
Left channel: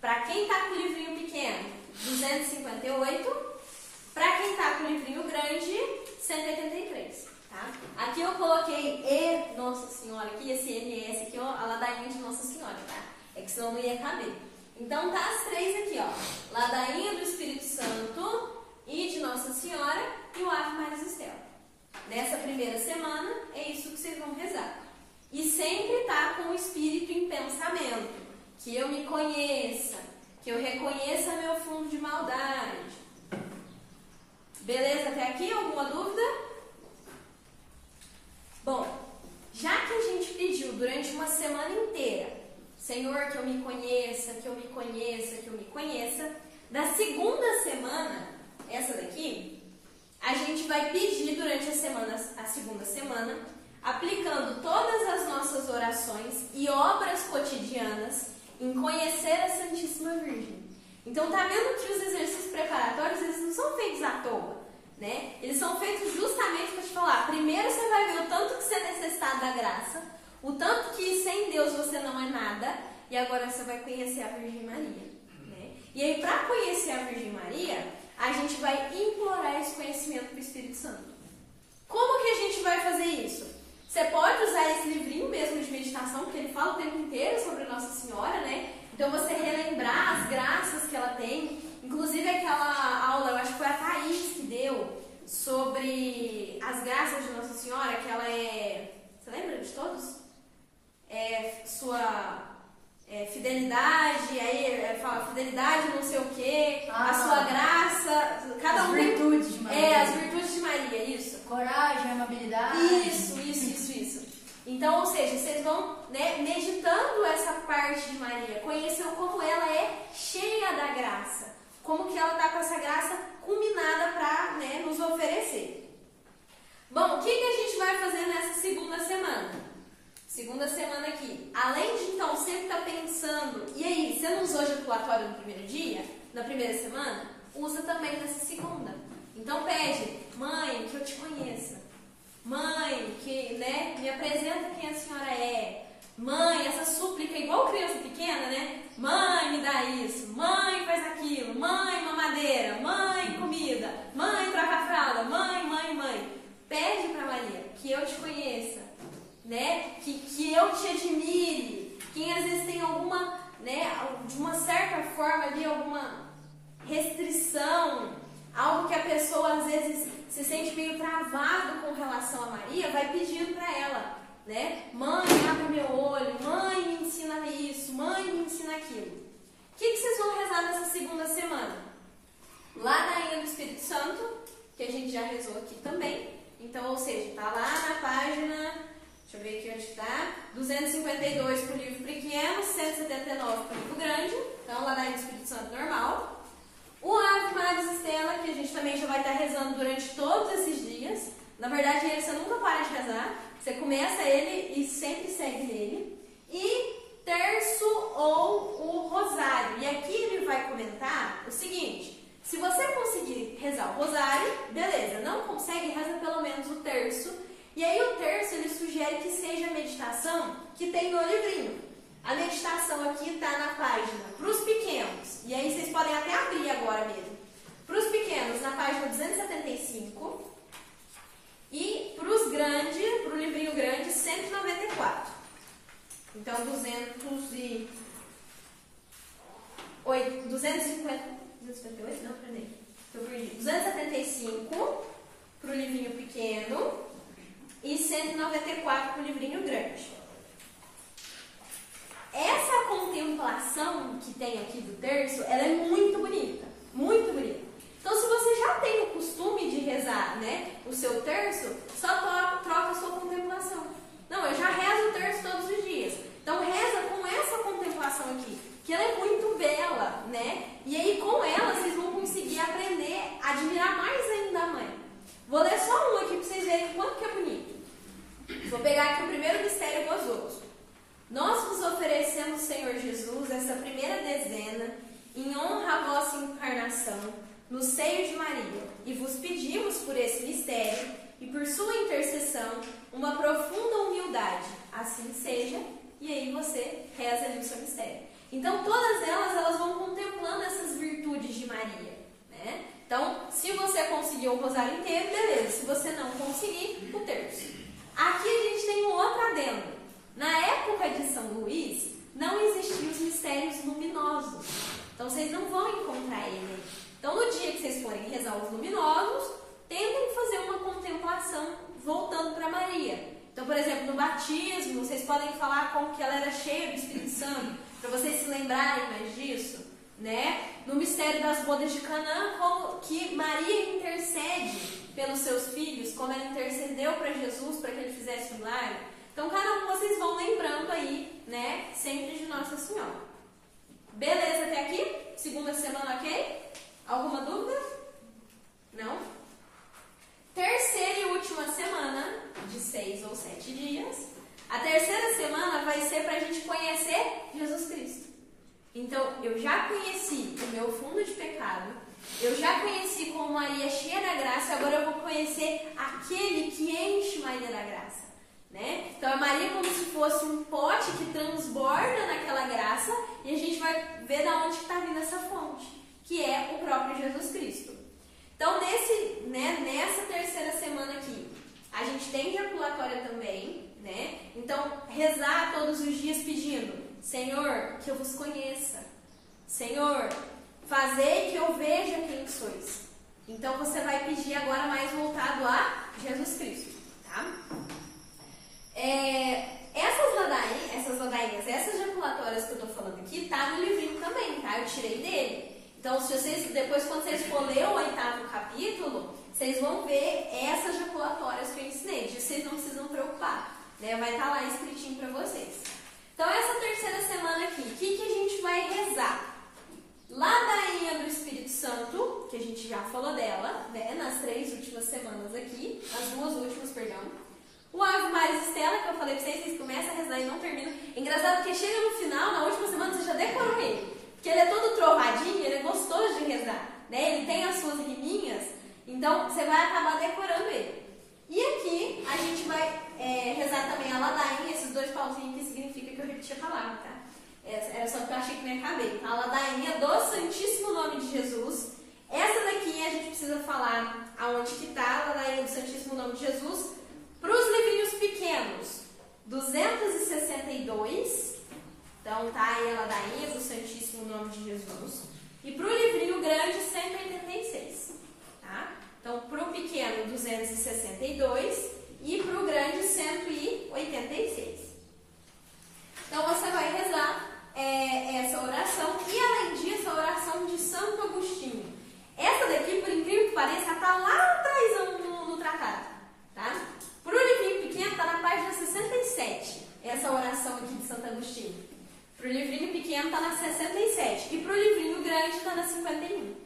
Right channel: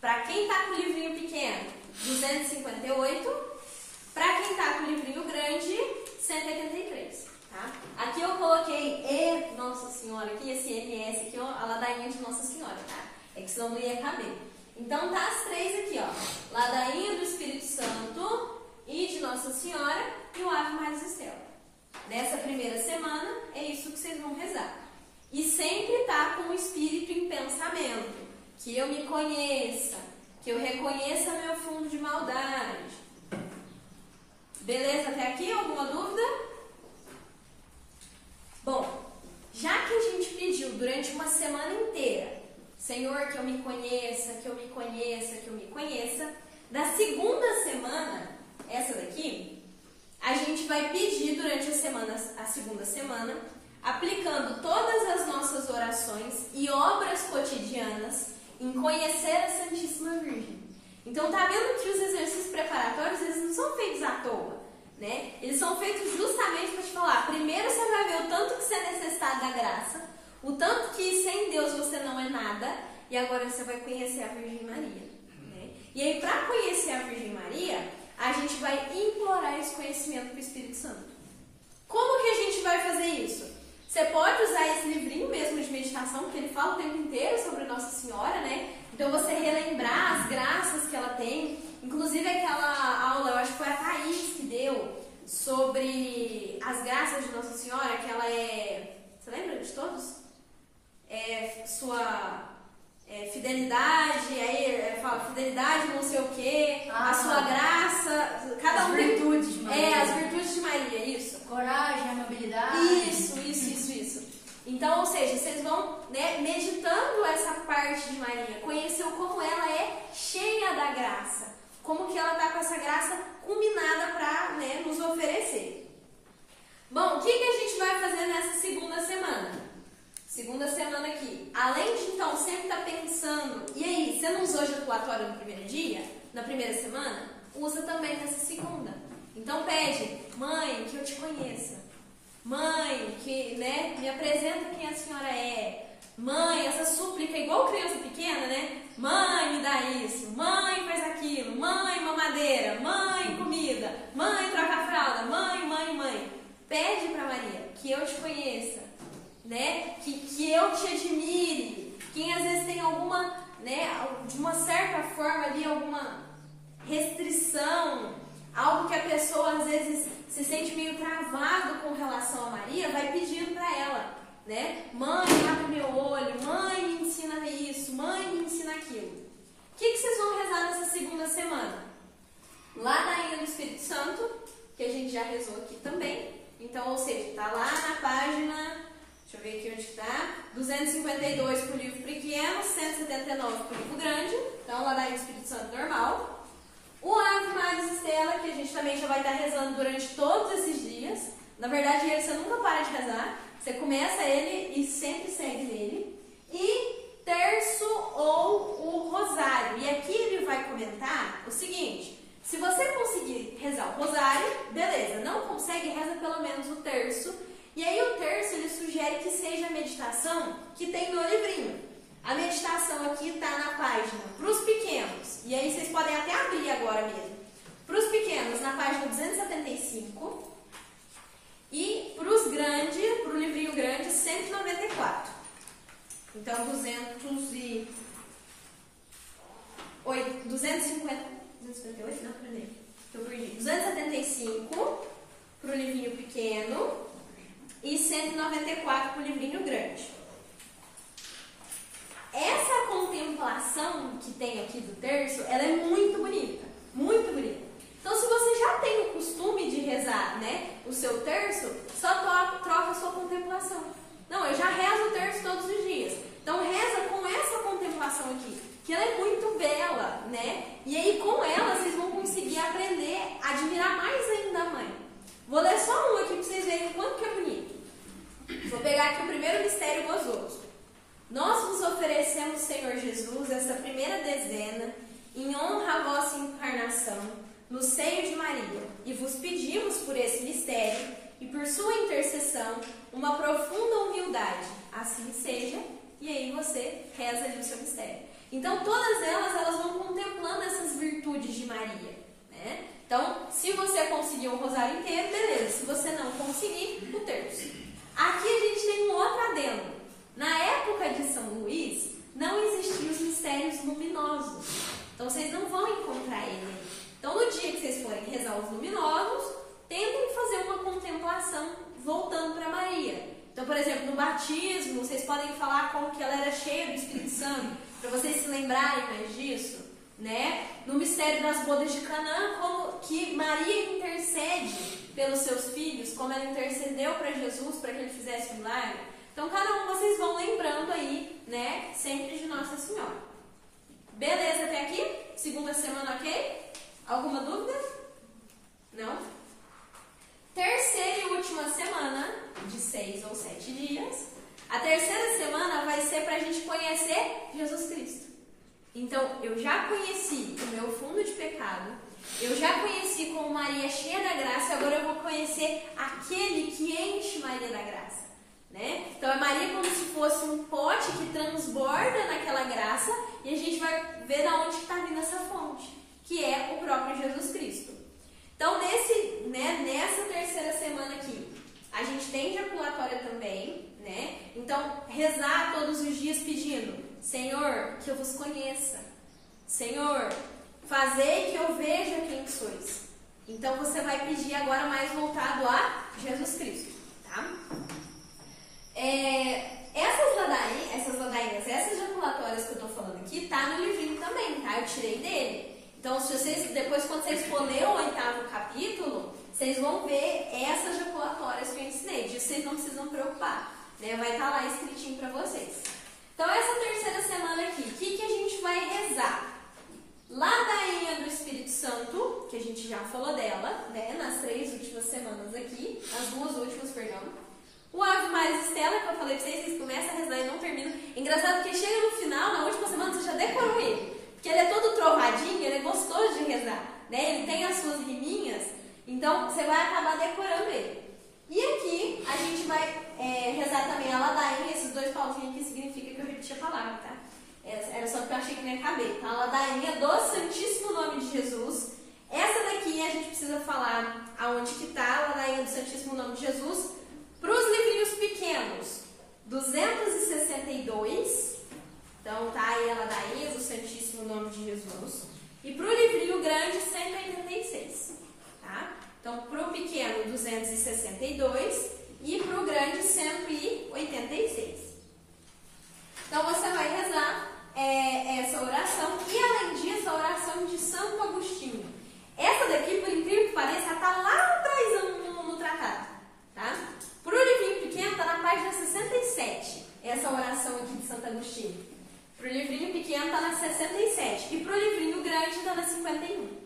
Para quem tá com o livrinho pequeno, 258. Para quem tá com o livrinho grande, 183. Tá? Aqui eu coloquei Nossa Senhora, aqui, esse MS aqui, ó, a ladainha de Nossa Senhora, tá? É que senão não ia caber. Então tá as três aqui, ó. Ladainha do Espírito Santo e de Nossa Senhora e o Ave Maris Stella. Nessa primeira semana, é isso que vocês vão rezar. E sempre tá com o Espírito em pensamento. Que eu me conheça, que eu reconheça meu fundo de maldade. Beleza até aqui? Alguma dúvida? Bom, já que a gente pediu durante uma semana inteira, Senhor, que eu me conheça, que eu me conheça, que eu me conheça, na segunda semana, essa daqui, a gente vai pedir durante a segunda semana, aplicando todas as nossas orações e obras cotidianas em conhecer a Santíssima Virgem. Então, tá vendo que os exercícios preparatórios, eles não são feitos à toa, né? Eles são feitos justamente para te falar, primeiro você vai ver o tanto que você é necessitado da graça, o tanto que sem Deus você não é nada, e agora você vai conhecer a Virgem Maria, né? E aí, para conhecer a Virgem Maria, a gente vai implorar esse conhecimento do Espírito Santo. Como que a gente vai fazer isso? Você pode usar esse livrinho mesmo de meditação, porque ele fala o tempo inteiro sobre Nossa Senhora, né? Então você relembrar as graças que ela tem. Inclusive aquela aula, eu acho que foi a Thaís que deu, sobre as graças de Nossa Senhora, que ela é... Você lembra de todos? Fidelidade, aí fala fidelidade não sei o quê, a sua graça, cada um... As virtudes de Maria. As virtudes de Maria, isso. Coragem, amabilidade. Isso. Então, ou seja, vocês vão, né, meditando essa parte de Maria, conhecendo como ela é cheia da graça, como que ela está com essa graça culminada para, né, nos oferecer. Bom, o que a gente vai fazer nessa segunda semana? Segunda semana aqui, além de então sempre estar pensando, e aí, você não usou ejaculatório no primeiro dia, na primeira semana? Usa também nessa segunda. Então pede, mãe, que eu te conheça. Mãe, que, né, me apresenta quem a senhora é. Mãe, essa súplica igual criança pequena, né? Mãe, me dá isso. Mãe, faz aquilo. Mãe, mamadeira. Mãe, comida. Mãe, troca a fralda. Mãe. Pede para Maria que eu te conheça, né? Que eu te admire. Quem às vezes tem alguma, né, de uma certa forma ali, alguma restrição, algo que a pessoa às vezes se sente meio travado com relação a Maria, vai pedindo para ela, né? Mãe, abre meu olho. Mãe, me ensina isso. Mãe, me ensina aquilo. O que vocês vão rezar nessa segunda semana? Ladainha do Espírito Santo, que a gente já rezou aqui também. Então, ou seja, tá lá na página, deixa eu ver aqui onde está, 252 para o livro pequeno, 179 para o livro grande. Então, ladainha do Espírito Santo normal. O Ave Maris Stella, que a gente também já vai estar rezando durante todos esses dias. Na verdade, ele você nunca para de rezar. Você começa ele e sempre segue nele. E terço ou o rosário. E aqui ele vai comentar o seguinte: se você conseguir meditação que tem no livrinho. A meditação aqui está na página para os pequenos, e aí vocês podem até abrir agora mesmo. Para os pequenos, na página 275, e para os grandes, para o livrinho grande, 194. Então, 258, não, peraí, eu perdi. 275 para o livrinho pequeno e 194 para o livrinho grande. Essa contemplação que tem aqui do terço, ela é muito bonita, muito bonita. Então, se você já tem o costume de rezar, né, o seu terço, só troca a sua contemplação. Não, eu já rezo o terço todos os dias. Então, reza com essa contemplação aqui, que ela é muito bela, né? E aí, com ela, vocês vão conseguir aprender a admirar mais ainda a mãe. Vou ler só um aqui para vocês verem o quanto que é bonito. Vou pegar aqui o primeiro mistério gozoso. Nós vos oferecemos, Senhor Jesus, esta primeira dezena, em honra à vossa encarnação, no seio de Maria, e vos pedimos por esse mistério e por sua intercessão uma profunda humildade. Assim seja, e aí você reza ali o seu mistério. Então, todas elas vão contemplando essas virtudes de Maria, né? Então, se você conseguir o rosário inteiro, beleza. Se você não conseguir, o terço. Aqui a gente tem um outro adendo. Na época de São Luís, não existiam os mistérios luminosos. Então, vocês não vão encontrar ele. Então, no dia que vocês forem rezar os luminosos, tentem fazer uma contemplação voltando para Maria. Então, por exemplo, no batismo, vocês podem falar como que ela era cheia do Espírito Santo, para vocês se lembrarem mais disso, né? No mistério das bodas de Canaã, como que Maria intercede pelos seus filhos, como ela intercedeu para Jesus, para que ele fizesse o milagre. Então, cada um vocês vão lembrando aí, né? Sempre de Nossa Senhora. Beleza até aqui? Segunda semana, ok? Alguma dúvida? Não? Terceira e última semana, de 6 ou 7 dias. A terceira semana vai ser para a gente conhecer Jesus Cristo. Então, eu já conheci o meu fundo de pecado, eu já conheci como Maria é cheia da graça, agora eu vou conhecer aquele que enche Maria da graça. Né? Então, a Maria é como se fosse um pote que transborda naquela graça e a gente vai ver de onde está vindo essa fonte, que é o próprio Jesus Cristo. Então, nessa terceira semana aqui, a gente tem jaculatória também, né? Então, rezar todos os dias pedindo: Senhor, que eu vos conheça. Senhor, fazei que eu veja quem sois. Então, você vai pedir agora mais voltado a Jesus Cristo, tá? Essas ladainhas, essas jaculatórias que eu estou falando aqui, tá no livrinho também, tá? Eu tirei dele. Então, se vocês, depois quando vocês for ler o 8º capítulo, vocês vão ver essas jaculatórias que eu ensinei. Disso vocês não precisam preocupar, né? Vai estar lá escritinho para vocês. Então, essa terceira semana aqui, o que a gente vai rezar? Ladainha do Espírito Santo, que a gente já falou dela, né? Nas 3 últimas semanas aqui, as 2 últimas, perdão. O Ave Maria Estela, que eu falei pra vocês começam a rezar e não terminam. Engraçado porque chega no final, na última semana, você já decorou ele. Porque ele é todo trovadinho, ele é gostoso de rezar, né? Ele tem as suas riminhas, então você vai acabar decorando ele. E aqui a gente vai rezar também a ladainha, esses 2 pauzinhos que significa que eu repeti a palavra, tá? Era só que eu achei que me acabei. Então, a ladainha do Santíssimo Nome de Jesus. Essa daqui a gente precisa falar aonde que tá a ladainha do Santíssimo Nome de Jesus. Para os livrinhos pequenos, 262, então tá aí a ladainha do Santíssimo Nome de Jesus. E para o livrinho grande, 186, tá? Então, para o pequeno, 262 e para o grande, 186. Então, você vai rezar essa oração e, além disso, a oração de Santo Agostinho. Essa daqui, por incrível que pareça, está lá atrás no tratado, tá? Para o livrinho pequeno, está na página 67, essa oração aqui de Santo Agostinho. Para o livrinho pequeno, está na 67. E para o livrinho grande, está na 51,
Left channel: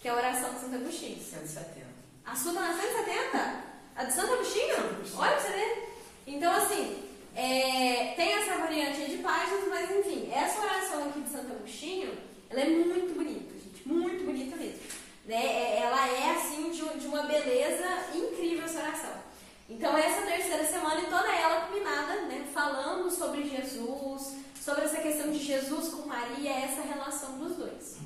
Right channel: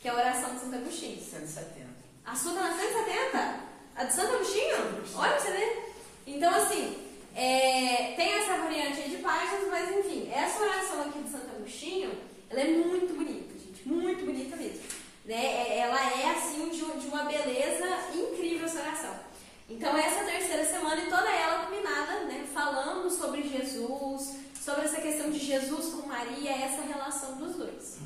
que é a oração de Santo Agostinho. 170. A sua está na 170? A de Santo Agostinho? Olha pra você ver. Então, assim, tem essa variante aí de páginas, mas, enfim, essa oração aqui de Santo Agostinho, ela é muito bonita, gente. Muito bonita mesmo. Né? Ela é, assim, de uma beleza incrível essa oração. Então, essa terceira semana e toda ela culminada, né, sobre essa questão de Jesus com Maria, essa relação dos dois.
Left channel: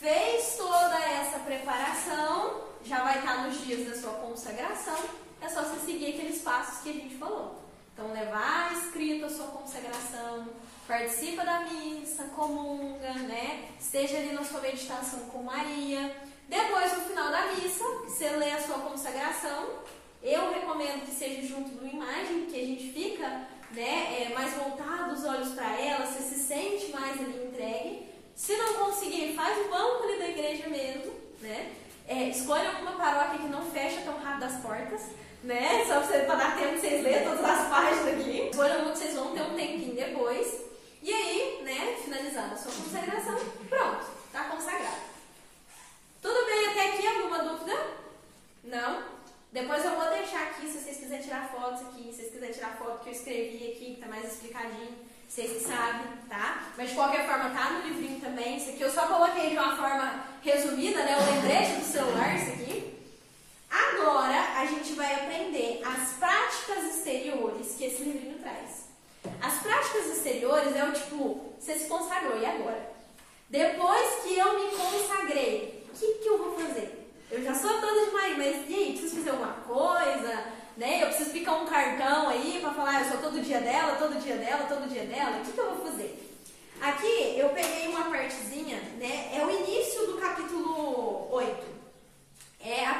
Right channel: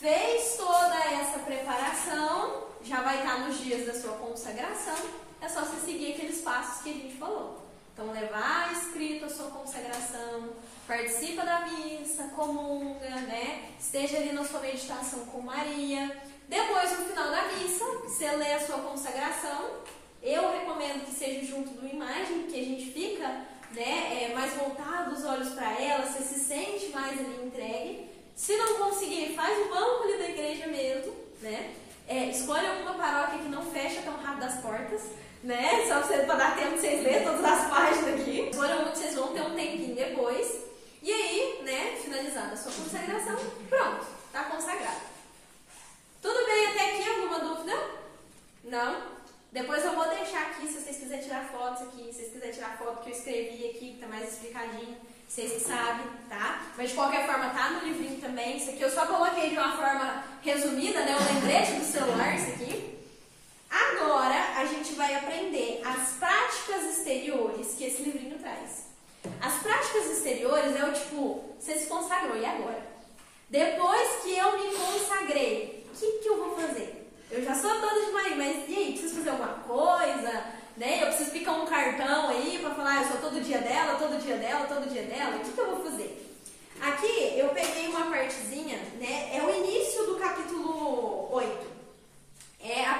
Fez toda essa preparação, já vai estar nos dias da sua consagração, é só você seguir aqueles passos que a gente falou. Então, levar escrito a sua consagração, participa da missa, comunga, né? Esteja ali na sua meditação com Maria. Depois, no final da missa, você lê a sua consagração. Eu recomendo que seja junto de uma imagem, que a gente fica, né, mais voltado os olhos para ela, você se sente mais ali entregue. Se não conseguir, faz o banco ali da igreja mesmo, né? Escolha alguma paróquia que não fecha tão rápido as portas, né? Só para dar tempo de vocês verem todas as páginas aqui. Escolha onde vocês vão ter um tempinho depois. E aí, né, finalizada a sua consagração, pronto, tá consagrado. Tudo bem até aqui? Alguma dúvida? Não? Depois eu vou deixar aqui, se vocês quiserem tirar fotos aqui, se vocês quiserem tirar foto que eu escrevi aqui, que tá mais explicadinho, vocês sabem, tá? Mas de qualquer forma tá no livrinho também. Isso aqui eu só coloquei de uma forma resumida, né? O lembrete do celular, isso aqui. Agora a gente vai aprender as práticas exteriores que esse livrinho traz. As práticas exteriores é o tipo, você se consagrou, e agora? Depois que eu me consagrei, o que eu vou fazer? Eu já sou toda de Maria, mas e aí? Preciso fazer alguma coisa? Né? Eu preciso picar um cartão aí para falar, eu sou todo dia dela, todo dia dela, todo dia dela. O que eu vou fazer? Aqui eu peguei uma partezinha, né? É o início do capítulo 8. É a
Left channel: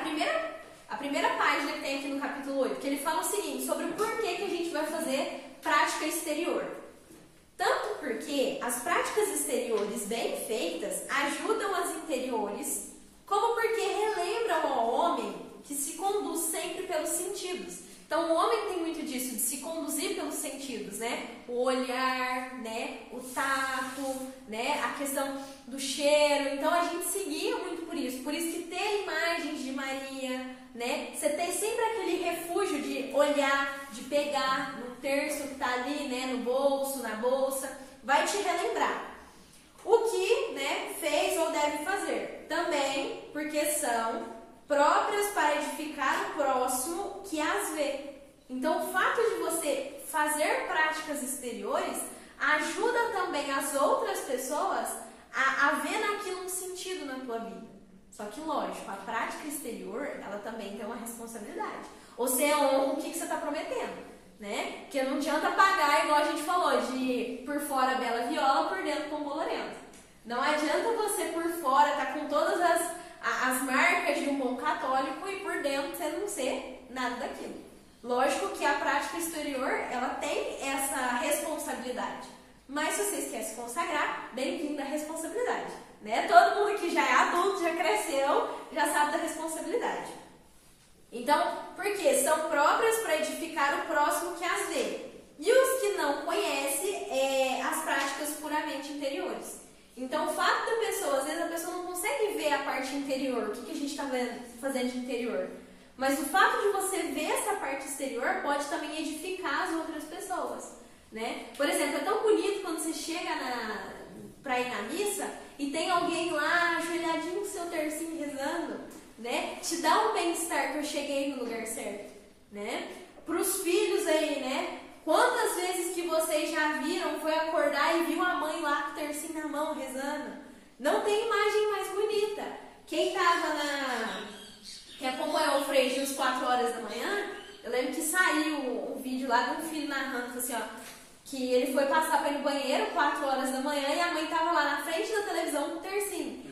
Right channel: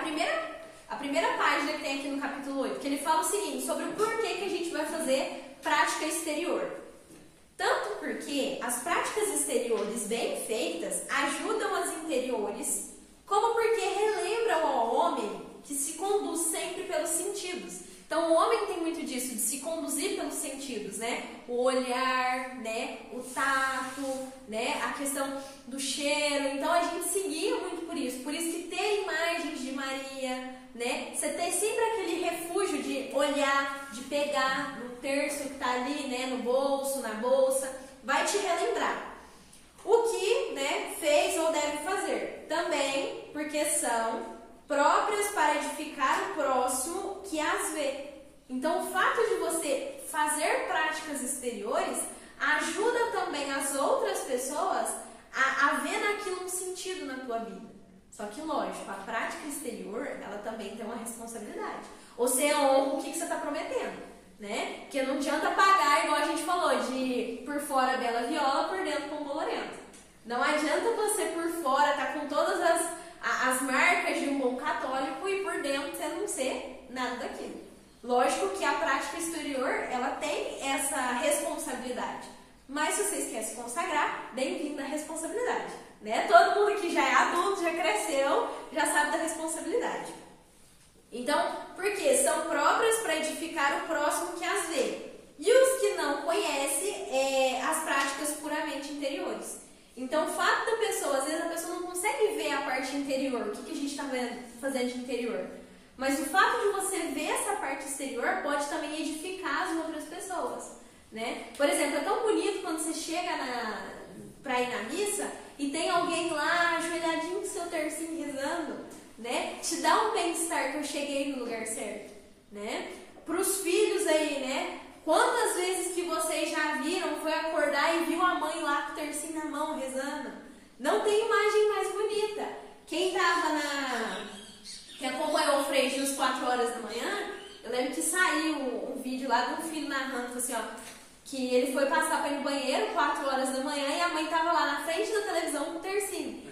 primeira página que tem aqui no capítulo 8, que ele fala o seguinte, sobre o porquê que a gente vai fazer prática exterior. Tanto porque as práticas exteriores bem feitas ajudam as interiores, como porque relembram ao homem que se conduz sempre pelos sentidos. Então, o homem tem muito disso, de se conduzir pelos sentidos, né? O olhar, né? O tato, né? A questão do cheiro. Então, a gente seguia muito por isso. Por isso que ter imagens de Maria, né? Você tem sempre aquele refúgio de olhar, de pegar no terço que está ali, né? No bolso, na bolsa. Vai te relembrar. O que, né, fez ou deve fazer? Também porque são próprias para edificar o próximo que as vê. Então, o fato de você fazer práticas exteriores ajuda também as outras pessoas a ver naquilo um sentido na tua vida. Só que, lógico, a prática exterior, ela também tem uma responsabilidade. Ou você honra o que você está prometendo, né? Porque não adianta pagar, igual a gente falou, de por fora bela viola, por dentro pão bolorento. Não adianta você por fora estar com todas as marcas de um bom católico e por dentro você não ser nada daquilo. Lógico que a prática exterior, ela tem essa responsabilidade. Mas se vocês querem se consagrar, bem-vindo à responsabilidade, né? Todo mundo que já é adulto, já cresceu, já sabe da responsabilidade. Então, por quê? São próprias para edificar o próximo que as vê. E os que não conhecem, as práticas puramente interiores. Então, o fato da pessoa, às vezes a pessoa não consegue ver a parte interior, o que a gente está fazendo de interior. Mas o fato de você ver essa parte exterior pode também edificar as outras pessoas, né? Por exemplo, é tão bonito quando você chega para ir na missa e tem alguém lá ajoelhadinho com seu tercinho rezando, né? Te dá um bem-estar que eu cheguei no lugar certo, né? Para os filhos aí, né? Quantas vezes que vocês já viram, foi acordar e viu a mãe lá com o tercinho na mão rezando? Não tem imagem mais bonita. Quem acompanhou o Frei Gil às 4 horas da manhã, eu lembro que saiu um vídeo lá de um filho narrando assim, ó, que ele foi passar para ir no banheiro 4 horas da manhã e a mãe estava lá na frente da televisão com o tercinho.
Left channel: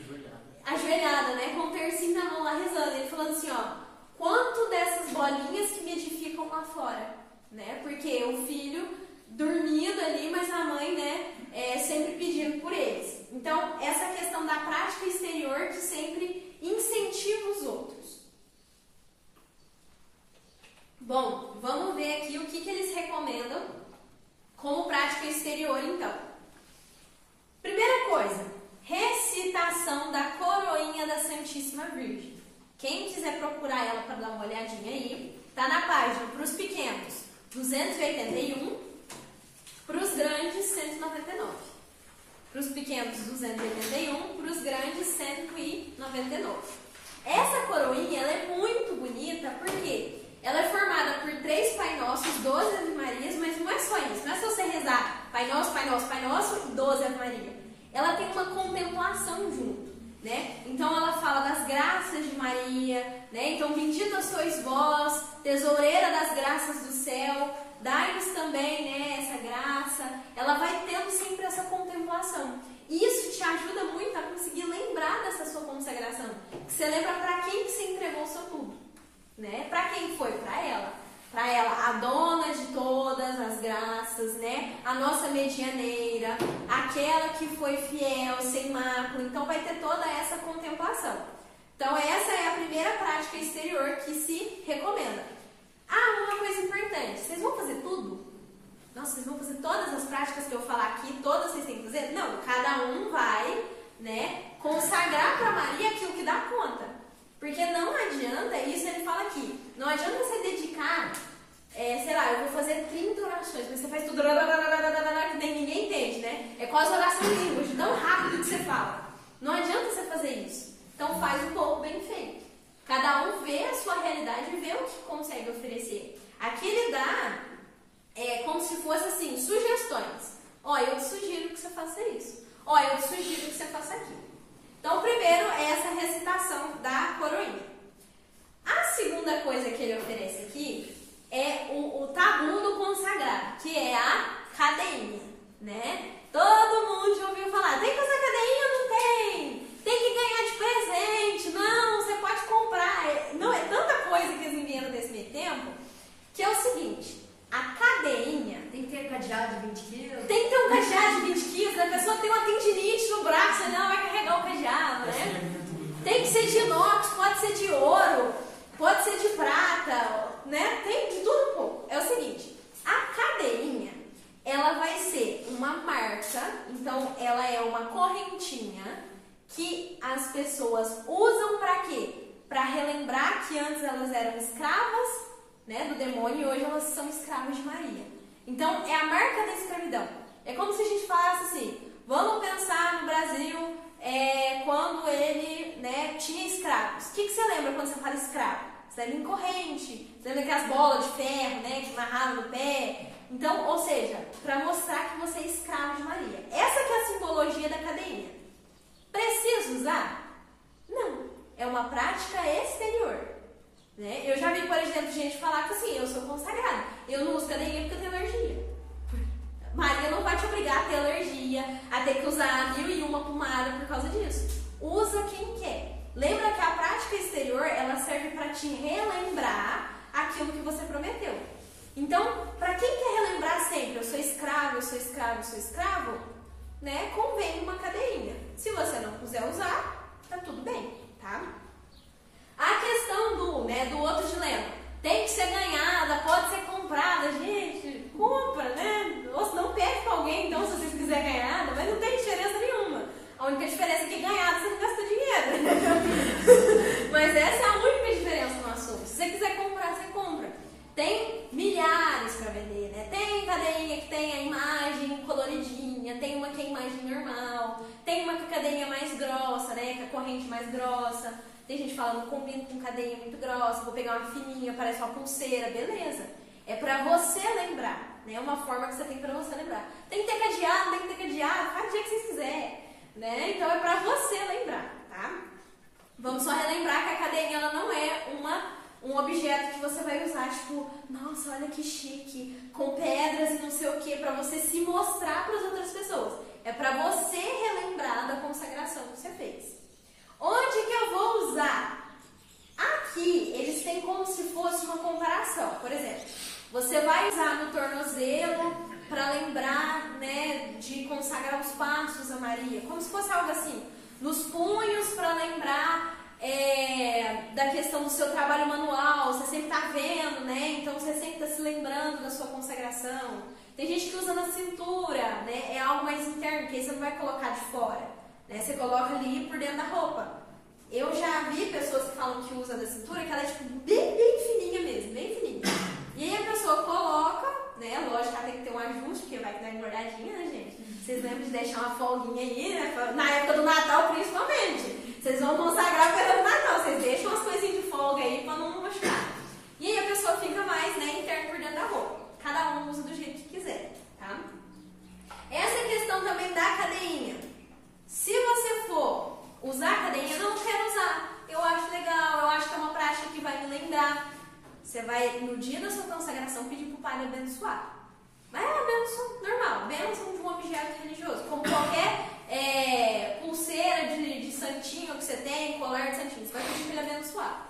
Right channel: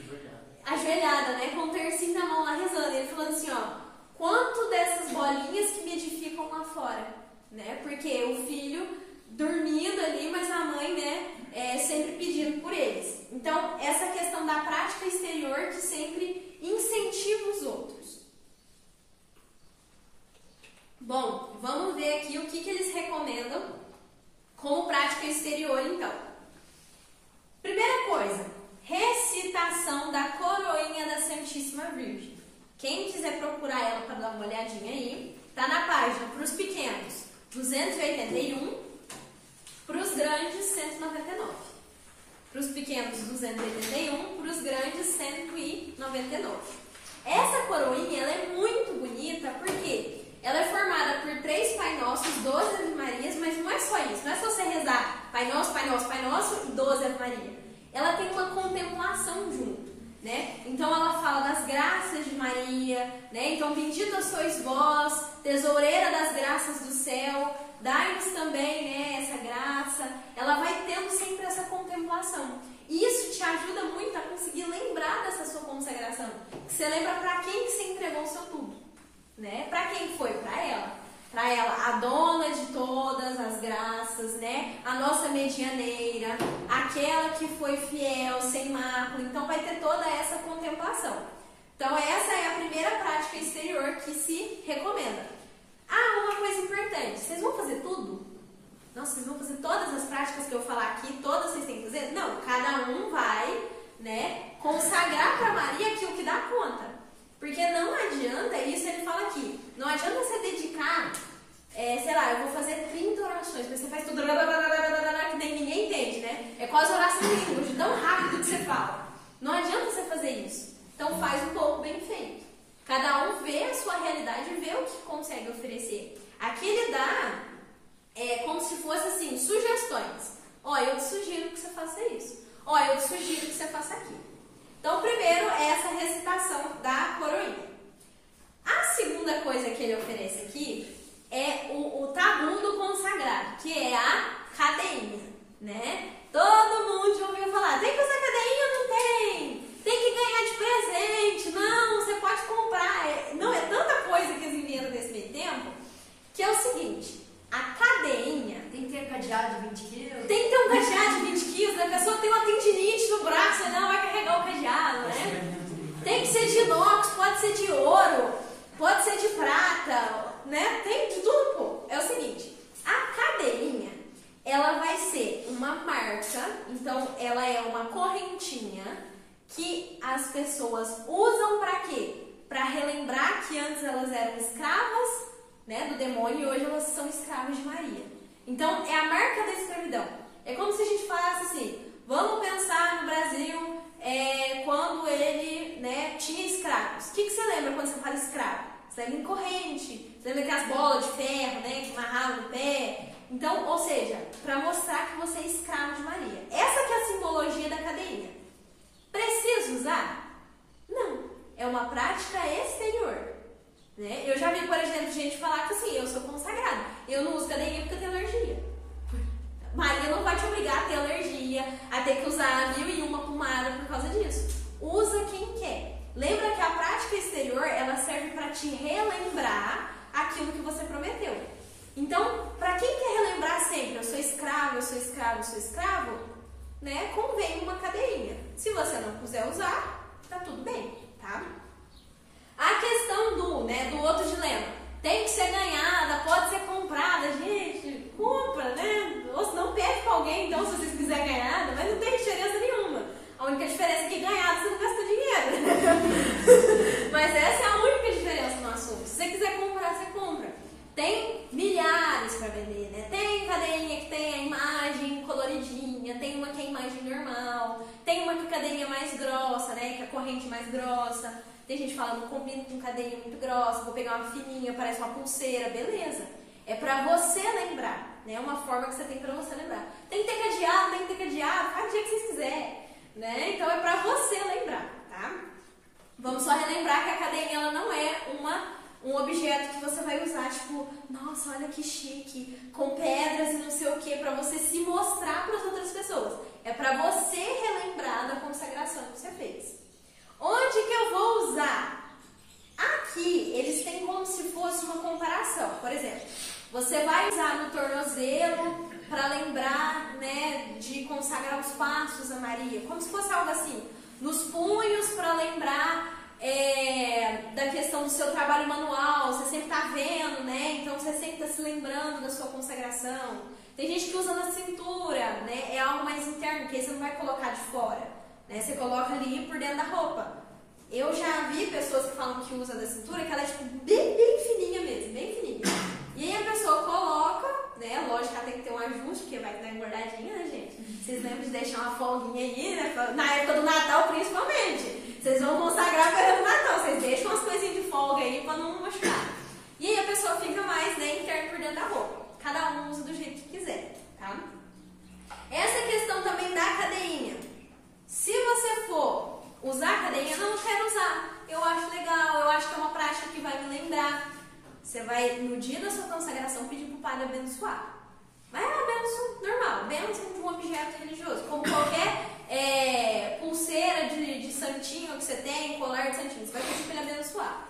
Ajoelhada, né? Com o tercinho na mão lá rezando. Ele falando assim, ó, quanto dessas bolinhas que me edificam lá fora? Né? Porque o filho dormindo ali, mas a mãe, né, sempre pedindo por eles. Então, essa questão da prática exterior de sempre incentiva os outros. Bom, vamos ver aqui o que eles recomendam como prática exterior, então. Primeira coisa, recitação da coroinha da Santíssima Virgem. Quem quiser procurar ela para dar uma olhadinha aí, tá na página para os pequenos 281, para os grandes 199. Para os pequenos 281, para os grandes 199. Essa coroinha ela é muito bonita porque ela é formada por 3 Pai Nossos, 12 Ave Marias, mas não é só isso. Não é só você rezar Pai Pai Nosso, Pai Nosso, Pai Nosso e 12 Ave Maria. Ela tem uma contemplação junto, né? Então ela fala das graças de Maria, né? Então bendita sois vós, tesoureira das graças do céu, dai-nos também, né, essa graça. Ela vai tendo sempre essa contemplação. E isso te ajuda muito a conseguir lembrar dessa sua consagração. Você lembra para quem que você entregou o seu tudo, né? Para quem foi? Para ela. Para ela, a dona de todas as graças, né? A nossa medianeira, aquela que foi fiel, sem mácula. Então vai ter toda essa contemplação. Então essa é a primeira prática exterior que se recomenda. Ah, uma coisa importante, vocês vão fazer tudo? Não, vocês vão fazer todas as práticas que eu falar aqui, todas vocês têm que fazer? Não, cada um vai, né, consagrar para Maria aquilo que dá conta. Porque não adianta, isso ele fala aqui, não adianta você dedicar, sei lá, eu vou fazer 30 orações, mas você faz tudo que nem ninguém entende, né? É quase oração em língua, de tão rápido que você fala. Não adianta você fazer isso. Então faz um pouco bem feito. Cada um vê a sua realidade e vê o que consegue oferecer. Aqui ele dá como se fosse assim, sugestões. Ó, eu te sugiro que você faça isso. Ó, eu te sugiro que você faça aquilo. Então, primeiro é essa recitação da coroinha. A segunda coisa que ele oferece aqui é o tabu do consagrado, que é a cadeinha, né? Todo mundo já ouviu falar, tem que usar cadeinha ou não tem? Tem que ganhar de presente, não, você pode comprar. Não, é tanta coisa que eles inventam nesse meio tempo, que é o seguinte, a cadeinha... Tem que ter cadeado de 20 quilos? Tem que ter um cadeado de 20 quilos, a pessoa tem uma tendinite no braço, não vai carregar o cadeado, né? Tem que ser de inox, pode ser de ouro, pode ser de prata, né? Tem de tudo um pouco. É o seguinte, a cadeirinha, ela vai ser uma marca, então ela é uma correntinha que as pessoas usam para quê? Para relembrar que antes elas eram escravas, né, do demônio e hoje elas são escravas de Maria. Então é a marca da escravidão. É como se a gente falasse assim, vamos pensar no Brasil quando ele, né, tinha escravos. O que você lembra quando você fala escravo? Você lembra em corrente, você lembra aquelas bolas de ferro, né, que amarravam no pé. Então, ou seja, para mostrar que você é escravo de Maria. Essa que é a simbologia da cadeinha. Precisa usar? Não. É uma prática exterior. Né? Eu já vi, por exemplo, gente falar que assim, eu sou consagrada. Eu não uso cadeinha porque eu tenho alergia. Maria não vai te obrigar a ter alergia, a ter que usar 1001 pomada por causa disso. Usa quem quer. Lembra que a prática exterior, ela serve para te relembrar aquilo que você prometeu. Então, para quem quer relembrar sempre, eu sou escravo, eu sou escravo, eu sou escravo, né? Convém uma cadeirinha. Se você não quiser usar, tá tudo bem, tá? A questão do outro dilema, tem que ser ganhada, pode ser comprada, gente, compra, né? Ou se não pede para alguém, então, se vocês quiserem ganhada, mas não tem diferença nenhuma. A única diferença é que ganhada você não gasta dinheiro. Mas essa é a única diferença no assunto. Se você quiser comprar, você compra. Tem milhares para vender, né? Tem cadeirinha que tem a imagem coloridinha, tem uma que é a imagem normal, tem uma que é a cadeirinha mais grossa, né? Que é a corrente mais grossa. Tem gente falando, combina com cadeirinha muito grossa, vou pegar uma fininha, parece uma pulseira, beleza. É pra você lembrar, né? É uma forma que você tem pra você lembrar. Tem que ter cadeado, tem que ter cadeado, faz o dia que vocês quiserem, né? Então é pra você lembrar, tá? Vamos só relembrar que a cadeirinha, ela não é um objeto que você vai usar, tipo, nossa, olha que chique, com pedras e não sei o que, pra você se mostrar para as outras pessoas. É pra você relembrar da consagração que você fez. Onde que eu vou usar? Aqui, eles têm como se fosse uma comparação. Por exemplo, você vai usar no tornozelo para lembrar, né, de consagrar os passos a Maria. Como se fosse algo assim. Nos punhos para lembrar da questão do seu trabalho manual. Você sempre está vendo, né? Então você sempre está se lembrando da sua consagração. Tem gente que usa na cintura, né? É algo mais interno, que aí você não vai colocar de fora. Né? Você coloca ali por dentro da roupa. Eu já vi pessoas que falam que usa da cintura, que ela é tipo bem fininha mesmo, bem fininha. E aí a pessoa coloca, né? Lógico que ela tem que ter um ajuste, porque vai dar engordadinha, né, gente? Vocês lembram de deixar uma folguinha aí, né? Na época do Natal, principalmente. Vocês vão consagrar para o Natal, vocês deixam umas coisinhas de folga aí para não machucar. E aí a pessoa fica mais, né, interna por dentro da roupa. Cada um usa do jeito que quiser, tá? usar a cadeirinha? Não quero usar. Eu acho legal, eu acho que é uma prática que vai me lembrar. Você vai, no dia da sua consagração, pedir para o padre abençoar. Mas é uma bênção normal, bênção de um objeto religioso. Como qualquer pulseira de santinho que você tem, colar de santinho, você vai pedir para ele abençoar.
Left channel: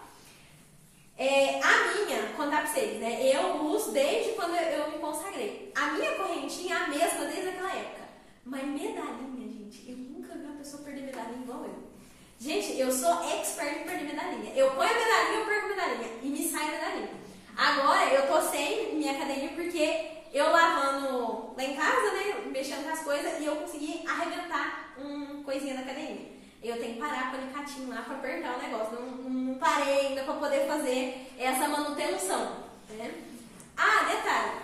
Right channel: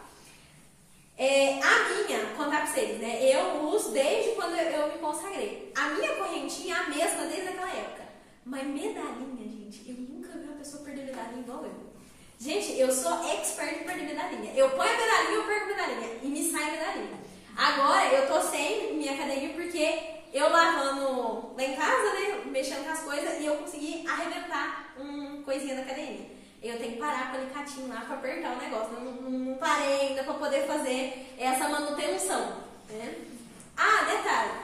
A minha, vou contar pra vocês, né? Eu uso desde quando eu me consagrei. A minha correntinha é a mesma desde aquela época. Mas medalhinha, gente, eu nunca vi uma pessoa perder medalhinha igual eu. Gente, eu sou expert em perder medalhinha. Eu ponho a medalhinha, eu perco a medalhinha. E me sai a medalhinha. Agora, eu tô sem minha cadeirinha porque eu lavando lá em casa, né? Mexendo com as coisas e eu consegui arrebentar uma coisinha da cadeirinha. Eu tenho que parar com o alicatinho lá para apertar o negócio. Não parei ainda para poder fazer essa manutenção. Né? Ah, detalhe.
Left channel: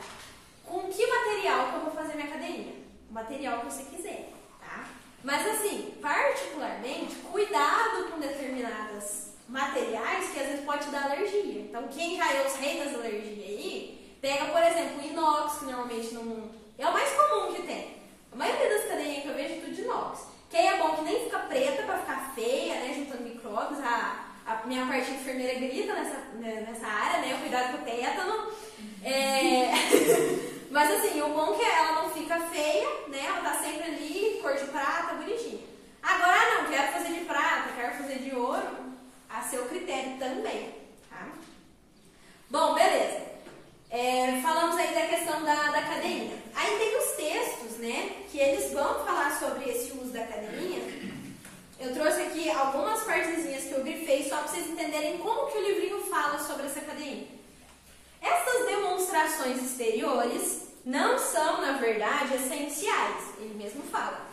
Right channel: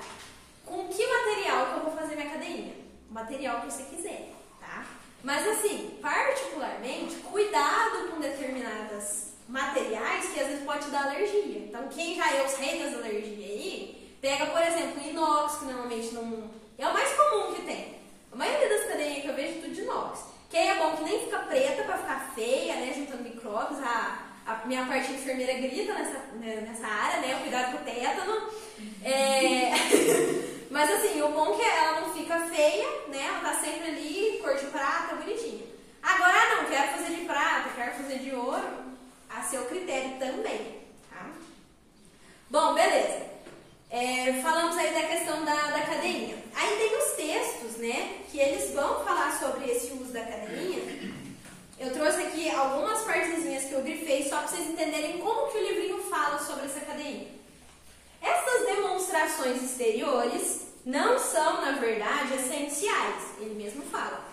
Com que material que eu vou fazer minha cadeirinha? O material que você quiser, tá? Mas assim, particularmente, cuidado com determinados materiais que às vezes pode te dar alergia. Então, quem já é os reis das alergias aí, pega, por exemplo, inox, que normalmente não... é o mais comum que tem. A maioria das cadeirinhas que eu vejo é tudo de inox. Que aí é bom que nem fica preta pra ficar feia, né? Juntando micróbios. A minha parte enfermeira grita nessa área, né? Cuidado com o tétano. Mas assim, o bom é que ela não fica feia, né? Ela tá sempre ali, cor de prata, bonitinha. Agora, não, quero fazer de prata, quero fazer de ouro, a seu critério também, tá? Bom, beleza. Falamos aí da questão da cadeirinha. Aí tem os textos, né, que eles vão falar sobre esse uso da cadeirinha. Eu trouxe aqui algumas partezinhas que eu grifei só para vocês entenderem como que o livrinho fala sobre essa cadeirinha. Essas demonstrações exteriores não são, na verdade, essenciais, ele mesmo fala.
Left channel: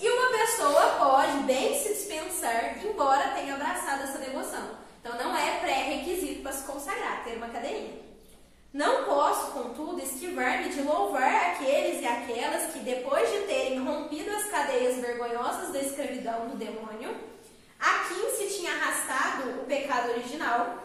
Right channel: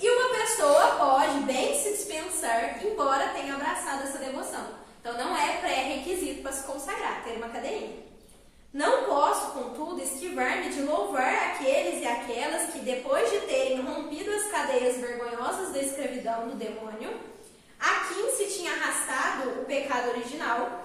E uma pessoa pode bem se dispensar, embora tenha abraçado essa devoção. Então não é pré-requisito para se consagrar, ter uma cadeirinha. Não posso, contudo, esquivar-me de louvar aqueles e aquelas que, depois de terem rompido as cadeias vergonhosas da escravidão do demônio, a quem se tinha arrastado o pecado original,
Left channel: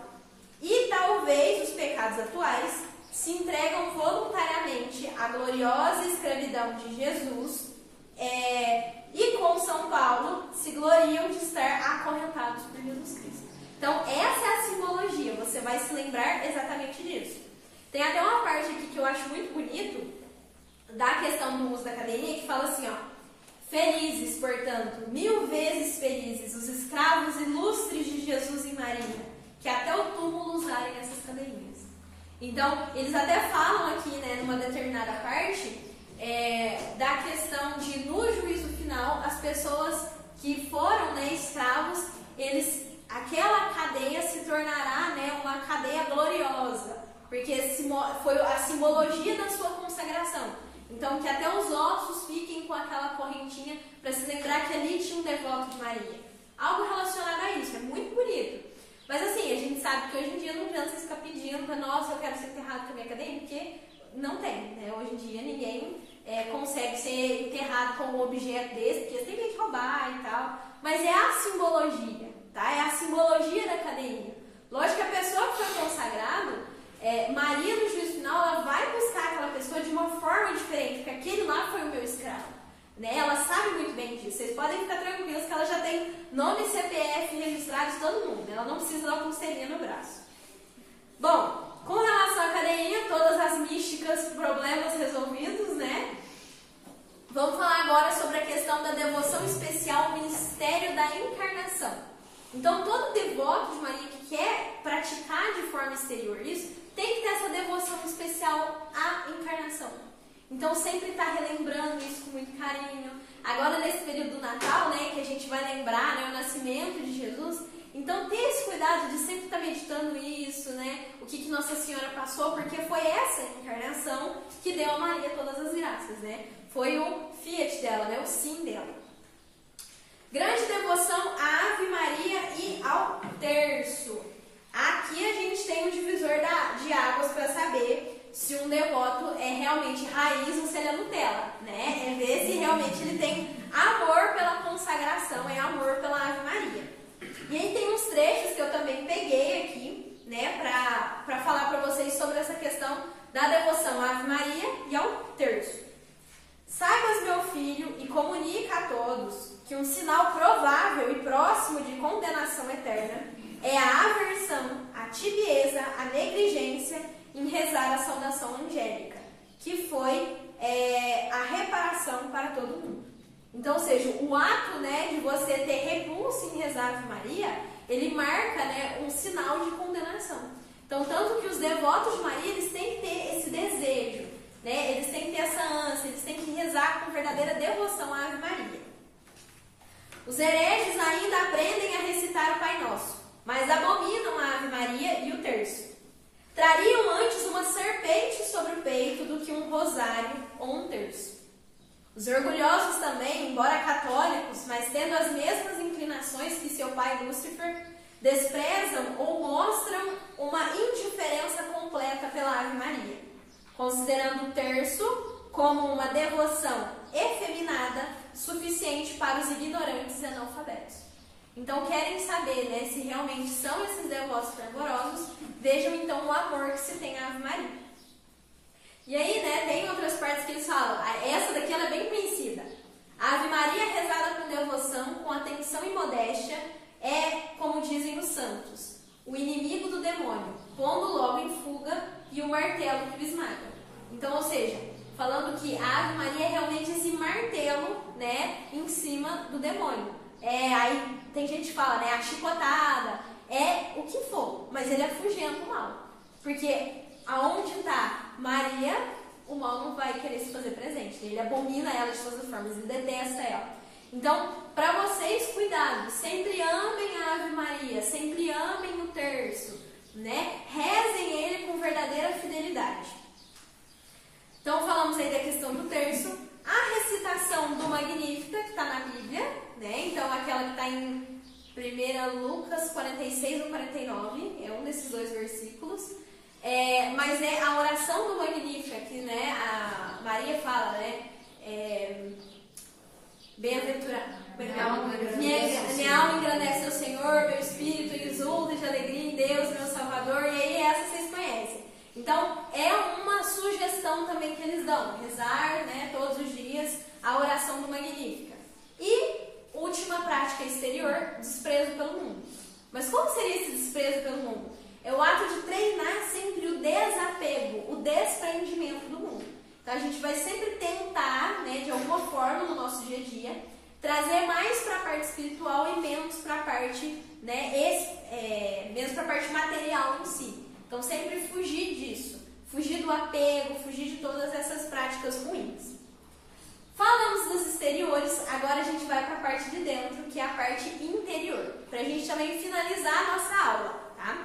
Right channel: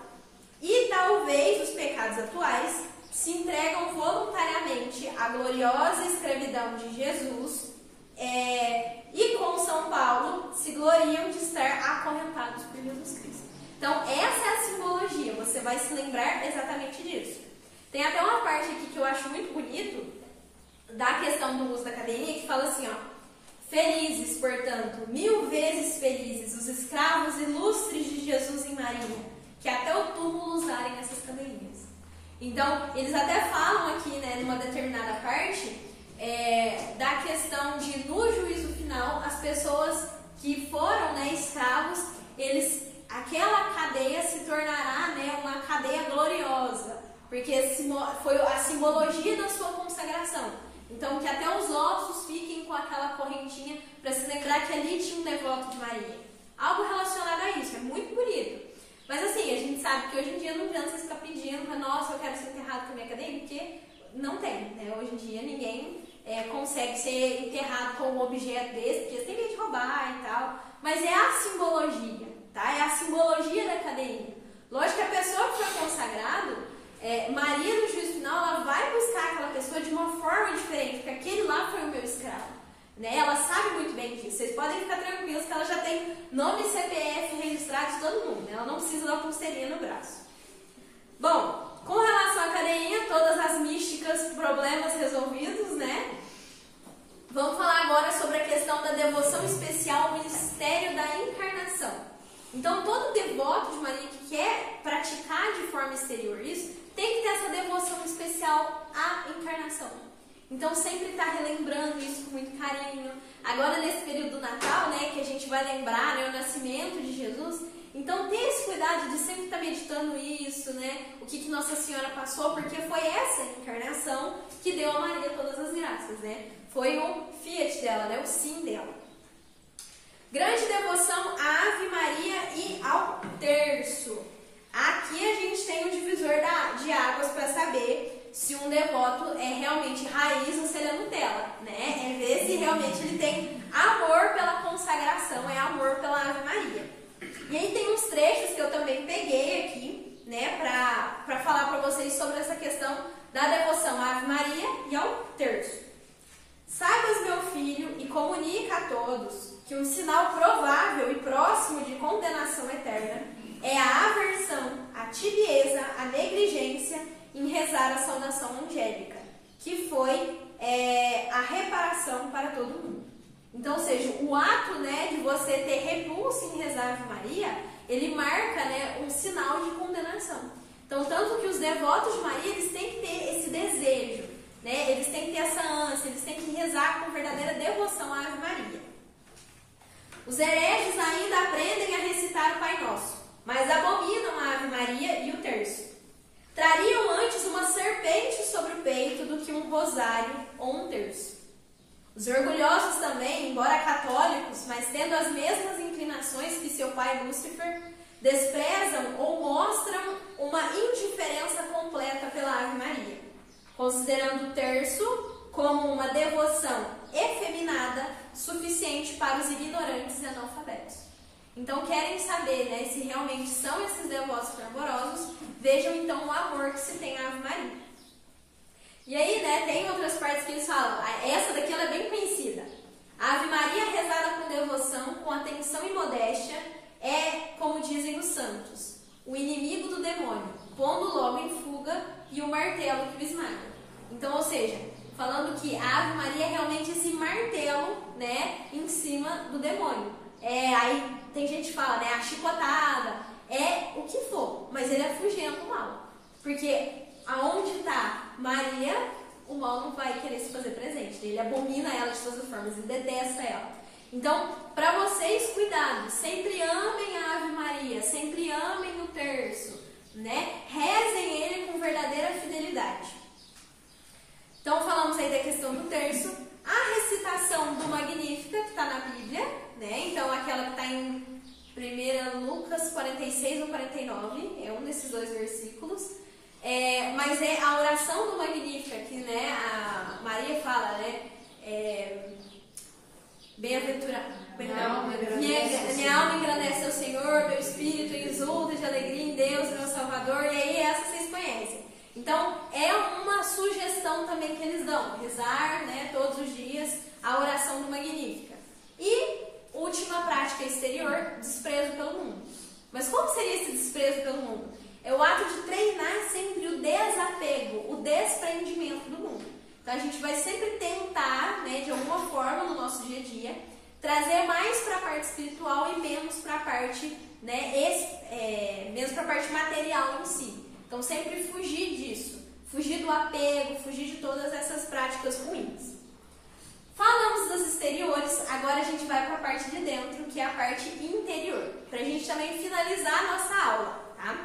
e talvez os pecados atuais, se entregam voluntariamente à gloriosa escravidão de Jesus, e com São Paulo se gloriam de estar acorrentados por Jesus Cristo. Então, essa é a simbologia, você vai se lembrar exatamente disso. Tem até uma parte aqui que eu acho muito bonito, da questão do uso da cadeirinha, que fala assim, ó: felizes, portanto, 1000 vezes felizes, os escravos ilustres de Jesus e Maria, que até o túmulo usarem essas cadeirinhas. Então, eles até falam aqui, né, numa determinada parte, da questão de, no juízo final, as pessoas que foram, né, escravos, aquela cadeia se tornará, né, uma cadeia gloriosa, porque foi a simbologia da sua consagração. Então, que até os ossos fiquem com aquela correntinha para se lembrar que ali tinha um devoto de Maria. Algo relacionado a isso, é muito bonito. Mas assim, a gente sabe que hoje em dia não adianta você ficar pedindo, nossa, eu quero ser enterrado com a minha cadeia, porque não tem, né? Hoje em dia ninguém consegue ser enterrado com um objeto desse, porque tem gente roubar e tal. Mas é a simbologia, tá? É a simbologia da cadeirinha. Lógico que a pessoa que foi consagrado, Maria, no juízo final, ela vai buscar aquela pessoa de uma forma diferente, porque aquele lá foi o meu escravo, né? Ela sabe muito bem disso. Vocês podem ficar tranquilos que ela já tem nome e CPF registrado de todo mundo, né? Ela não precisa dar uma pulseirinha no braço. Bom, com relação à cadeirinha, todas as místicas, problemas resolvidos, né? Vamos falar agora sobre a questão da devoção especial, o mistério da encarnação. Então, todo devoto de Maria que quer praticar de forma exterior isso, tem que ter essa devoção especial à encarnação. Então, sempre está relembrando isso com muito carinho. Agora, nesse período do Natal, né, que a gente vai lembrar, né, o nascimento de Jesus, então tem esse cuidado de sempre estar meditando isso, né, o que Nossa Senhora passou, porque foi essa encarnação que deu a Maria todas as graças, né? Foi o fiat dela, né, o sim dela. Grande devoção à Ave Maria e ao terço. Aqui a gente tem o divisor de águas para saber se um devoto é realmente raiz ou se ele é Nutella, né? É ver se realmente ele tem amor pela consagração, é amor pela Ave Maria. E aí tem uns trechos que eu também peguei aqui, né, para falar para vocês sobre essa questão da devoção à Ave Maria e ao terço. Saibas, meu filho, e comunica a todos que um sinal provável e próximo de condenação eterna é a aversão, a tibieza, a negligência em rezar a saudação angélica, que foi a reparação para todo mundo. Então, ou seja, o ato, né, de você ter repulso em rezar a Ave Maria, ele marca, né, um sinal de condenação. Então, tanto que os devotos de Maria, eles têm que ter esse desejo, né, eles têm que ter essa ânsia, eles têm que rezar com verdadeira devoção à Ave Maria. Os hereges ainda aprendem a recitar o Pai Nosso, mas abominam a Ave Maria e o terço. Trariam antes uma serpente sobre o peito do que um rosário ou um terço. Os orgulhosos também, embora católicos, mas tendo as mesmas inclinações que seu pai Lúcifer, desprezam ou mostram uma indiferença completa pela Ave Maria, considerando o terço como uma devoção efeminada suficiente para os ignorantes e analfabetos. Então, querem saber, né, se realmente são esses devotos fervorosos, vejam então o amor que se tem à Ave Maria. E aí, né, tem outras partes que eles falam, essa daqui ela é bem conhecida. A Ave Maria rezada com devoção, com atenção e modéstia, é, como dizem os santos, o inimigo do demônio, pondo logo em fuga e o martelo que o esmaga. Então, ou seja, falando que a Ave Maria é realmente esse martelo, né, em cima do demônio. Aí tem gente que fala, né, a chicotada, o que for, mas ele afugenta o mal. Porque aonde está Maria, o mal não vai querer se fazer presente. Ele abomina ela de todas as formas, ele detesta ela. Então, para vocês, cuidado, sempre amem a Ave Maria, sempre amem o terço, né? Rezem ele com verdadeira fidelidade. Então, falamos aí da questão do terço, a recitação do Magnífica, que está na Bíblia, né? Então, aquela que está em 1 Lucas 46 ou 49, é um desses dois versículos. Mas a oração do Magnífica, que, né, a Maria fala, né? Bem-aventurada. Minha alma engrandece ao Senhor, meu espírito exulta de alegria em Deus, meu Salvador. E aí, essa vocês conhecem. Então, é uma sugestão também que eles dão, rezar, né, todos os dias a oração do Magnífica. E, última prática exterior, desprezo pelo mundo. Mas como seria esse desprezo pelo mundo? É o ato de treinar sempre o desapego, o desprendimento do mundo. Então, a gente vai sempre tentar, né, de alguma forma no nosso dia a dia, trazer mais para a parte espiritual e menos para a parte, né, menos para a parte material em si. Então, sempre fugir disso, fugir do apego, fugir de todas essas práticas ruins. Falamos dos exteriores, agora a gente vai para a parte de dentro, que é a parte interior, para a gente também finalizar a nossa aula, tá?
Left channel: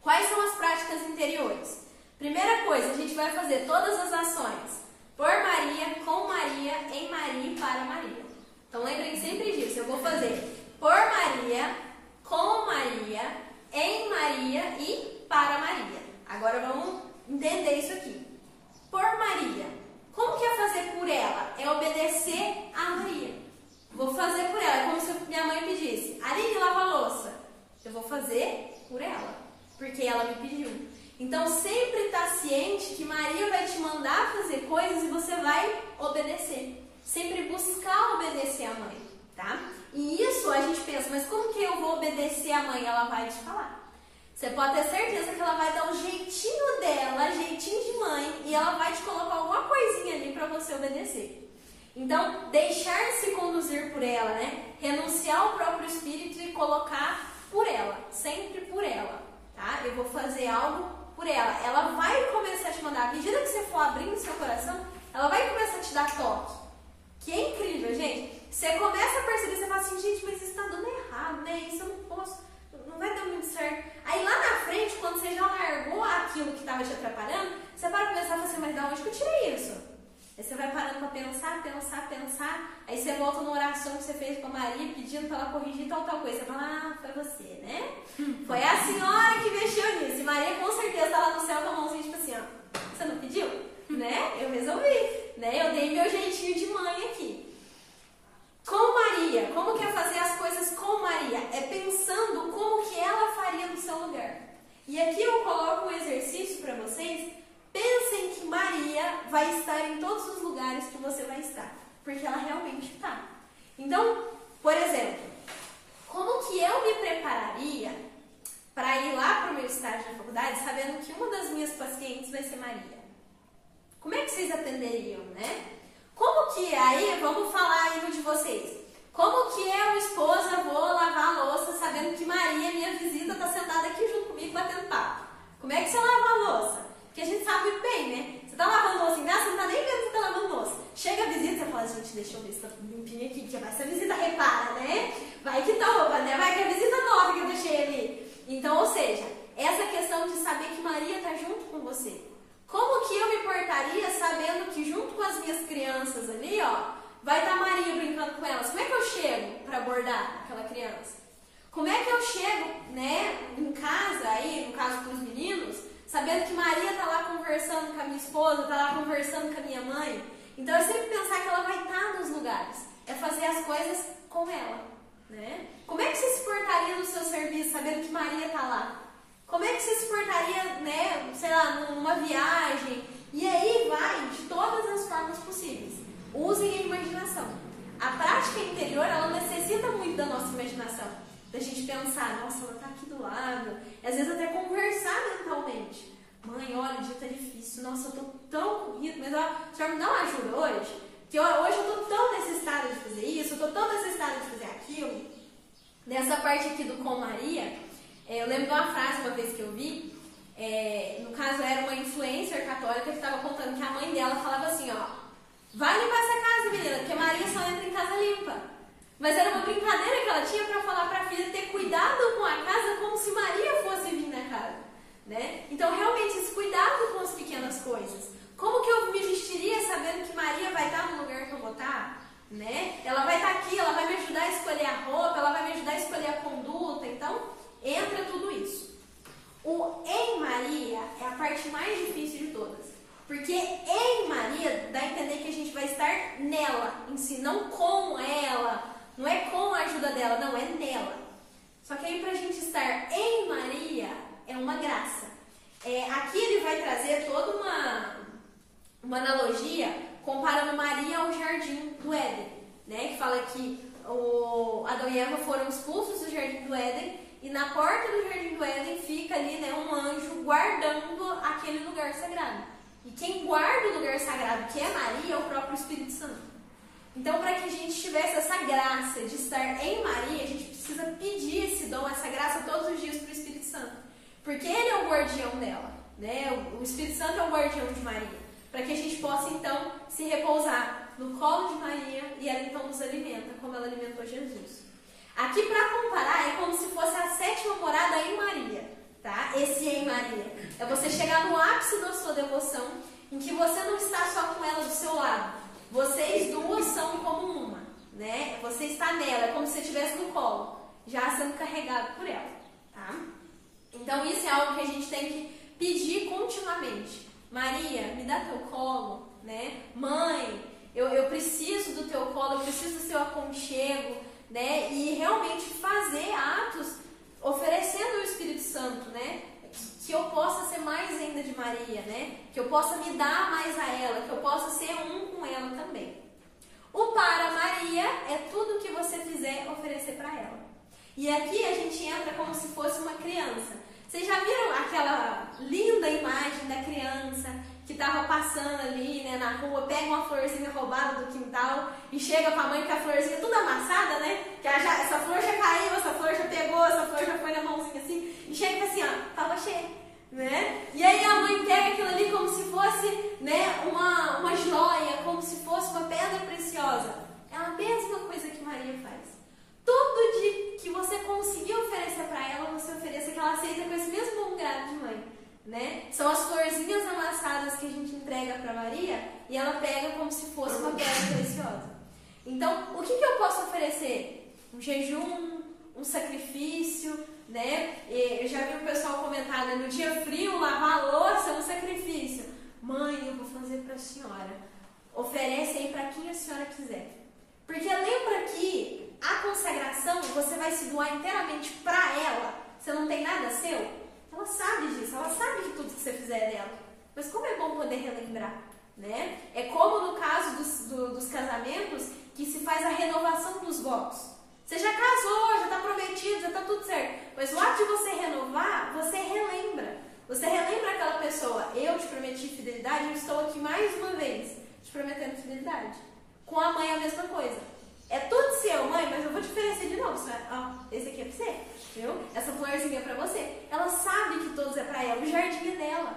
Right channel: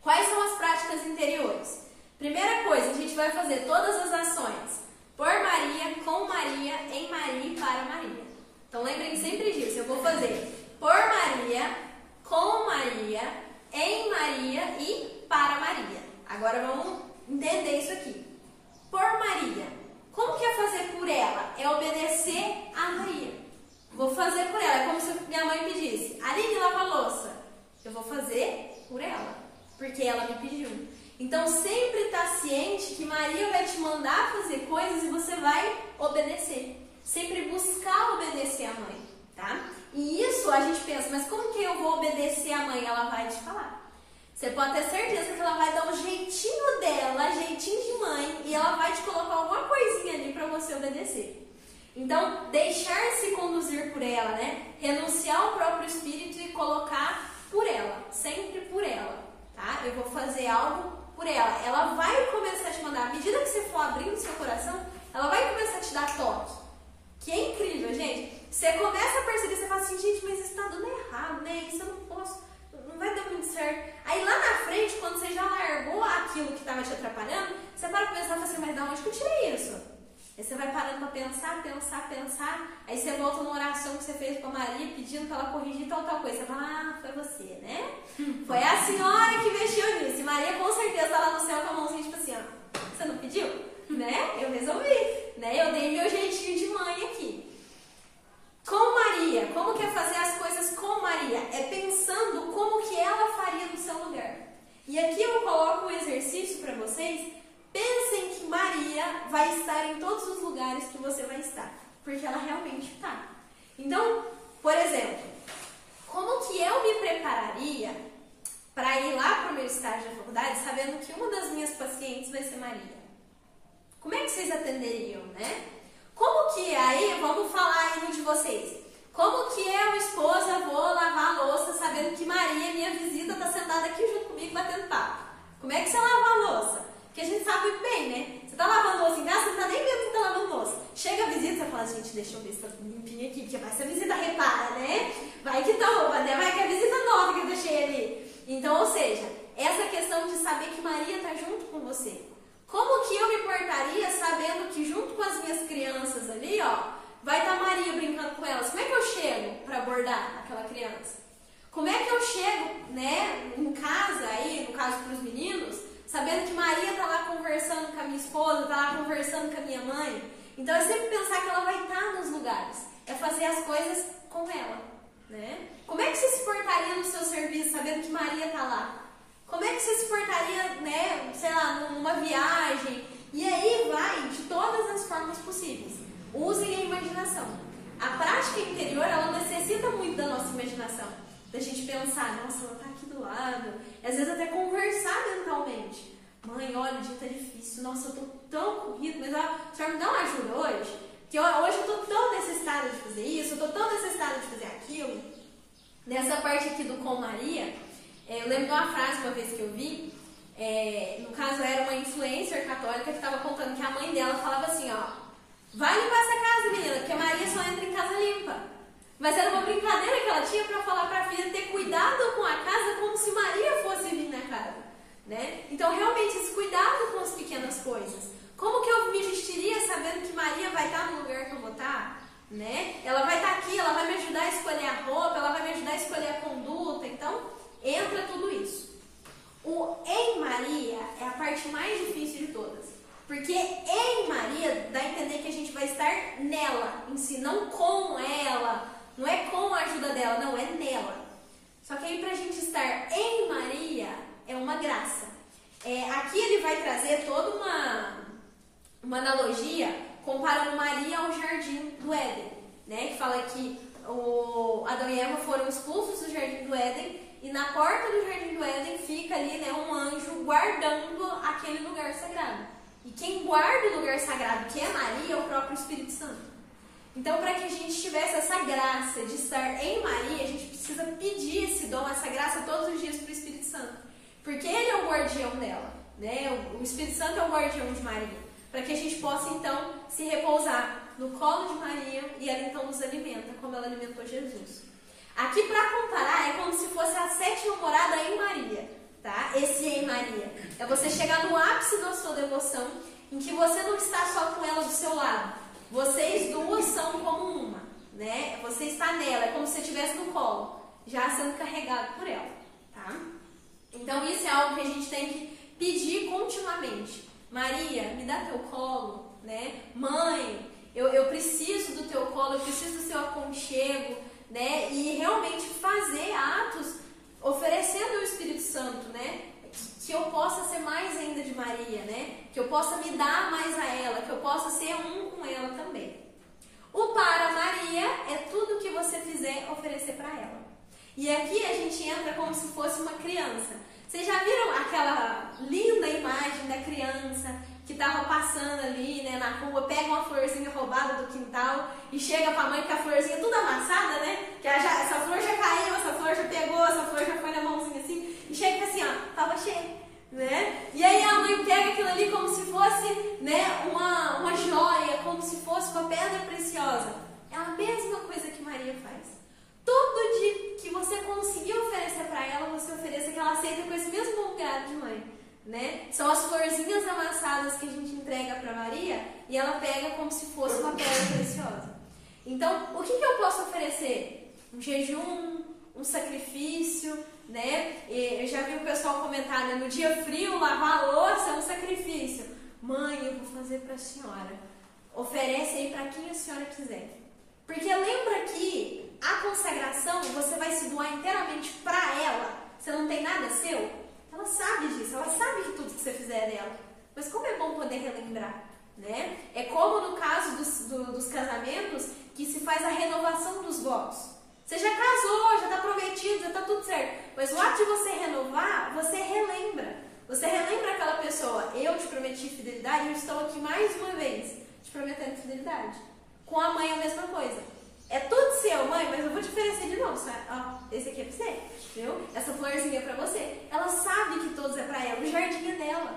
Quais são as práticas interiores? Primeira coisa, a gente vai fazer todas as ações por Maria, com Maria, em Maria e para Maria. Então, lembrem sempre disso, eu vou fazer por Maria, com Maria, em Maria e para Maria. Agora vamos entender isso aqui. Por Maria, como que é fazer por ela? É obedecer a Maria. Vou fazer por ela, é como se minha mãe pedisse, Aline, lava a louça. Eu vou fazer por ela, porque ela me pediu. Então, sempre está ciente que Maria vai te mandar fazer coisas e você vai obedecer. Sempre buscar obedecer a mãe, tá? E isso a gente pensa, mas como que eu vou obedecer a mãe? Ela vai te falar. Você pode ter certeza que ela vai dar um jeitinho dela, jeitinho de mãe, e ela vai te colocar alguma coisinha ali para você obedecer. Então, deixar-se conduzir por ela, né? Renunciar ao próprio espírito e colocar por ela, sempre por ela, tá? Eu vou fazer algo por ela. Ela vai começar a te mandar, à medida que você for abrindo seu coração, ela vai começar a te dar toque. Que é incrível, gente. Você começa a perceber, você fala assim, gente, mas isso tá dando errado, né? Isso eu não posso, não vai dar muito certo. Aí lá na frente, quando você já largou aquilo que estava te atrapalhando, você vai começar a falar assim, mas da onde que eu tirei isso? Aí você vai parando para pensar. Aí você volta numa oração que você fez com a Maria, pedindo para ela corrigir tal coisa. Você fala, foi você, né? Foi a senhora que mexeu nisso. E Maria com certeza tá lá no céu com a mãozinha tipo assim, ó. Você não pediu? Né? Eu resolvi. Né? Eu dei meu jeitinho de mãe aqui. Com Maria, como que é fazer as coisas com Maria? É pensando como que ela faria no seu lugar. E aqui eu coloco um exercício para vocês. Pensem que Maria vai estar em todos os lugares que você vai estar. Porque ela realmente está. Então, por exemplo, como que eu me prepararia para ir lá para o meu estágio da faculdade sabendo que uma das minhas pacientes vai ser Maria? Como é que vocês atenderiam, né? Como que aí, vamos falar aí no de vocês, como que eu, esposa, vou lavar a louça sabendo que Maria, minha visita, está sentada aqui junto comigo batendo papo? Como é que você lava a louça? Porque a gente sabe muito bem, né? Você tá lavando louça em casa, você não tá nem vendo que tá lavando louça. Chega a visita, você fala, gente, deixa eu ver se tá limpinho aqui, porque vai ser a visita repara, né? Vai que tá, né? Vai que é a visita nova que eu deixei ali. Então, ou seja, essa questão de saber que Maria tá junto com você. Como que eu me portaria sabendo que junto com as minhas crianças ali, ó, vai estar Maria brincando com elas? Como é que eu chego para abordar aquela criança? Como é que eu chego, né, em casa aí, no caso para os meninos, sabendo que Maria tá lá conversando com a minha esposa, tá lá conversando com a minha mãe? Então é sempre pensar que ela vai estar nos lugares, é fazer as coisas com ela, né? Como é que você se portaria no seu serviço sabendo que Maria tá lá? Como é que você se portaria, né, sei lá, numa viagem? E aí vai de todas as formas possíveis. Usem a imaginação. A prática interior, ela necessita muito da nossa imaginação. Da gente pensar, nossa, ela tá aqui do lado. E às vezes até conversar mentalmente. Mãe, olha, o dia tá difícil. Nossa, eu tô tão corrido, mas a senhora me dá uma ajuda hoje? Que hoje eu tô tão necessitada de fazer isso, eu tô tão necessitada de fazer aquilo. Nessa parte aqui do com Maria, eu lembro de uma frase uma vez que eu vi, no caso era uma influencer católica que estava contando que a mãe dela falava assim, ó, vai limpar essa casa, menina, porque Maria só entra em casa limpa. Mas era uma brincadeira que ela tinha para falar para a filha ter cuidado com a casa como se Maria fosse vir na casa, né? Então realmente esse cuidado com as pequenas coisas. Como que eu me vestiria sabendo que Maria vai estar no lugar que eu vou estar? Né? Ela vai estar aqui, ela vai me ajudar a escolher a roupa, ela vai me ajudar a escolher a conduta, então entra tudo isso. O em Maria é a parte mais difícil de todas. Porque em Maria dá a entender que a gente vai estar nela em si, não com ela, não é com a ajuda dela, não, é nela. Só que aí pra gente estar em Maria é uma graça. Aqui ele vai trazer toda uma analogia comparando Maria ao jardim do Éden, né? Que fala que Adão e Eva foram expulsos do jardim do Éden e na porta do jardim do Éden fica ali, né, um anjo guardando aquele lugar sagrado. E quem guarda o lugar sagrado, que é Maria, é o próprio Espírito Santo. Então, para que a gente tivesse essa graça de estar em Maria, a gente precisa pedir esse dom, essa graça todos os dias para o Espírito Santo. Porque ele é o guardião dela, né? O Espírito Santo é o guardião de Maria. Para que a gente possa, então, se repousar no colo de Maria e ela, então, nos alimenta, como ela alimentou Jesus. Aqui, para comparar, é como se fosse a 7ª morada em Maria, tá? Esse em Maria. É você chegar no ápice da sua devoção, em que você não está só com ela do seu lado. Vocês duas são como uma, né? Você está nela, é como se você estivesse no colo, já sendo carregado por ela, tá? Então, isso é algo que a gente tem que pedir continuamente. Maria, me dá teu colo, né? Mãe, eu preciso do teu colo, eu preciso do seu aconchego, né? E realmente fazer atos oferecendo o Espírito Santo, né? Que eu possa ser mais ainda de Maria, né? Que eu possa me dar mais a ela, que eu possa ser um com ela também. O para Maria é tudo que você fizer oferecer para ela. E aqui a gente entra como se fosse uma criança. Vocês já viram aquela linda imagem da criança que estava passando ali, né, na rua, pega uma florzinha roubada do quintal e chega para a mãe com a florzinha toda amassada, né? Que essa flor já caiu, essa flor já pegou, essa flor já foi na mãozinha assim, e chega assim, ó, tava cheia, né? E aí a mãe pega aquilo ali como se fosse, né, uma joia, como se fosse uma pedra preciosa. É a mesma coisa que Maria faz. Tudo que você conseguir oferecer para ela, você ofereça, que ela aceita com esse mesmo lugar de mãe, né? São as florzinhas amassadas que a gente entrega para Maria e ela pega como se fosse uma pedra preciosa. Então, o que eu posso oferecer? Um jejum, um sacrifício, né? Eu já vi o pessoal comentar, né? No dia frio, lavar a louça é um sacrifício. Mãe, eu vou fazer para a senhora. Oferece aí para quem a senhora quiser. Porque lembra que a consagração, você vai se doar inteiramente para ela. Você não tem nada seu? Ela sabe disso, ela sabe de tudo que você fizer dela. Mas como é bom poder relembrar, né? É como no caso dos casamentos, que se faz a renovação dos votos. Você já casou, já está prometido, já está tudo certo. Mas o ato de você renovar, você relembra. Você relembra aquela pessoa. Eu te prometi fidelidade e eu estou aqui mais uma vez te prometendo fidelidade. Com a mãe a mesma coisa. É tudo seu, mãe, mas eu vou te oferecer de novo, sabe? Ó, esse aqui é pra você, viu? Essa florzinha é pra você. Ela sabe que todos é pra ela, o jardim é dela.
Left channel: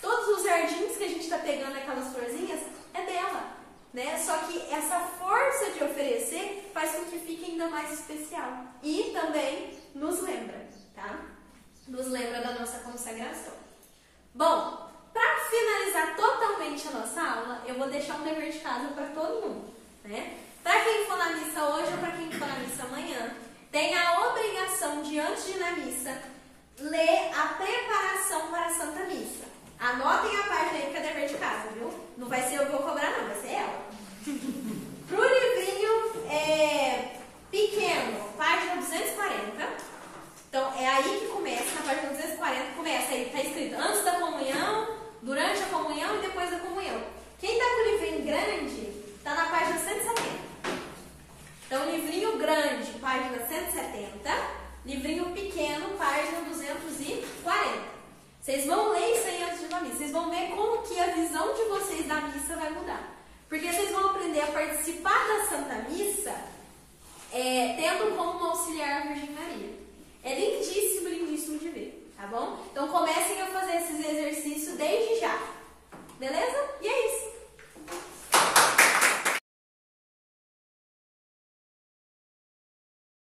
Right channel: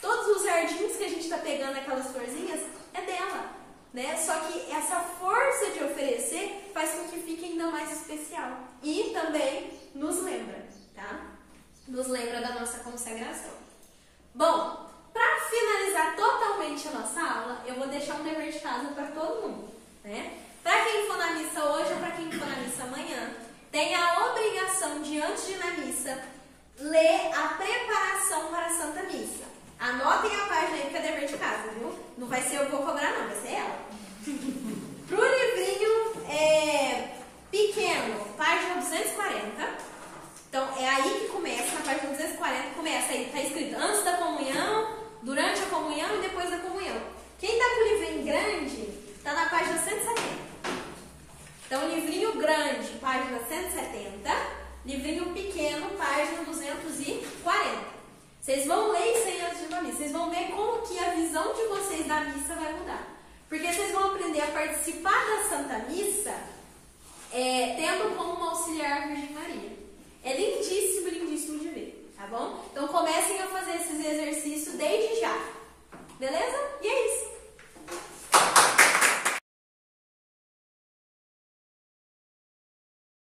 Todos os jardins que a gente tá pegando, aquelas florzinhas, é dela, né? Só que essa força de oferecer faz com que fique ainda mais especial. E também nos lembra, tá? Nos lembra da nossa consagração. Bom, para finalizar totalmente a nossa aula, eu vou deixar um dever de casa para todo mundo, né? Para quem for na missa hoje ou para quem for na missa amanhã, tem a obrigação de, antes de ir na missa, ler a preparação para a Santa Missa. Anotem a página aí que é dever de casa, viu? Não vai ser eu que vou cobrar não, vai ser ela. Pro livrinho pequeno, página 240. Então, é aí que começa, na página 240, começa aí, tá escrito antes da comunhão, durante a comunhão e depois da comunhão. Quem tá com o livrinho grande, tá na página 170. Então, livrinho grande, página 170, livrinho pequeno, página 240. Vocês vão ler isso aí antes de uma missa. Vocês vão ver como que a visão de vocês da missa vai mudar. Porque vocês vão aprender a participar da Santa Missa tendo como auxiliar a Virgem Maria. É lindíssimo, lindíssimo de ver, tá bom? Então comecem a fazer esses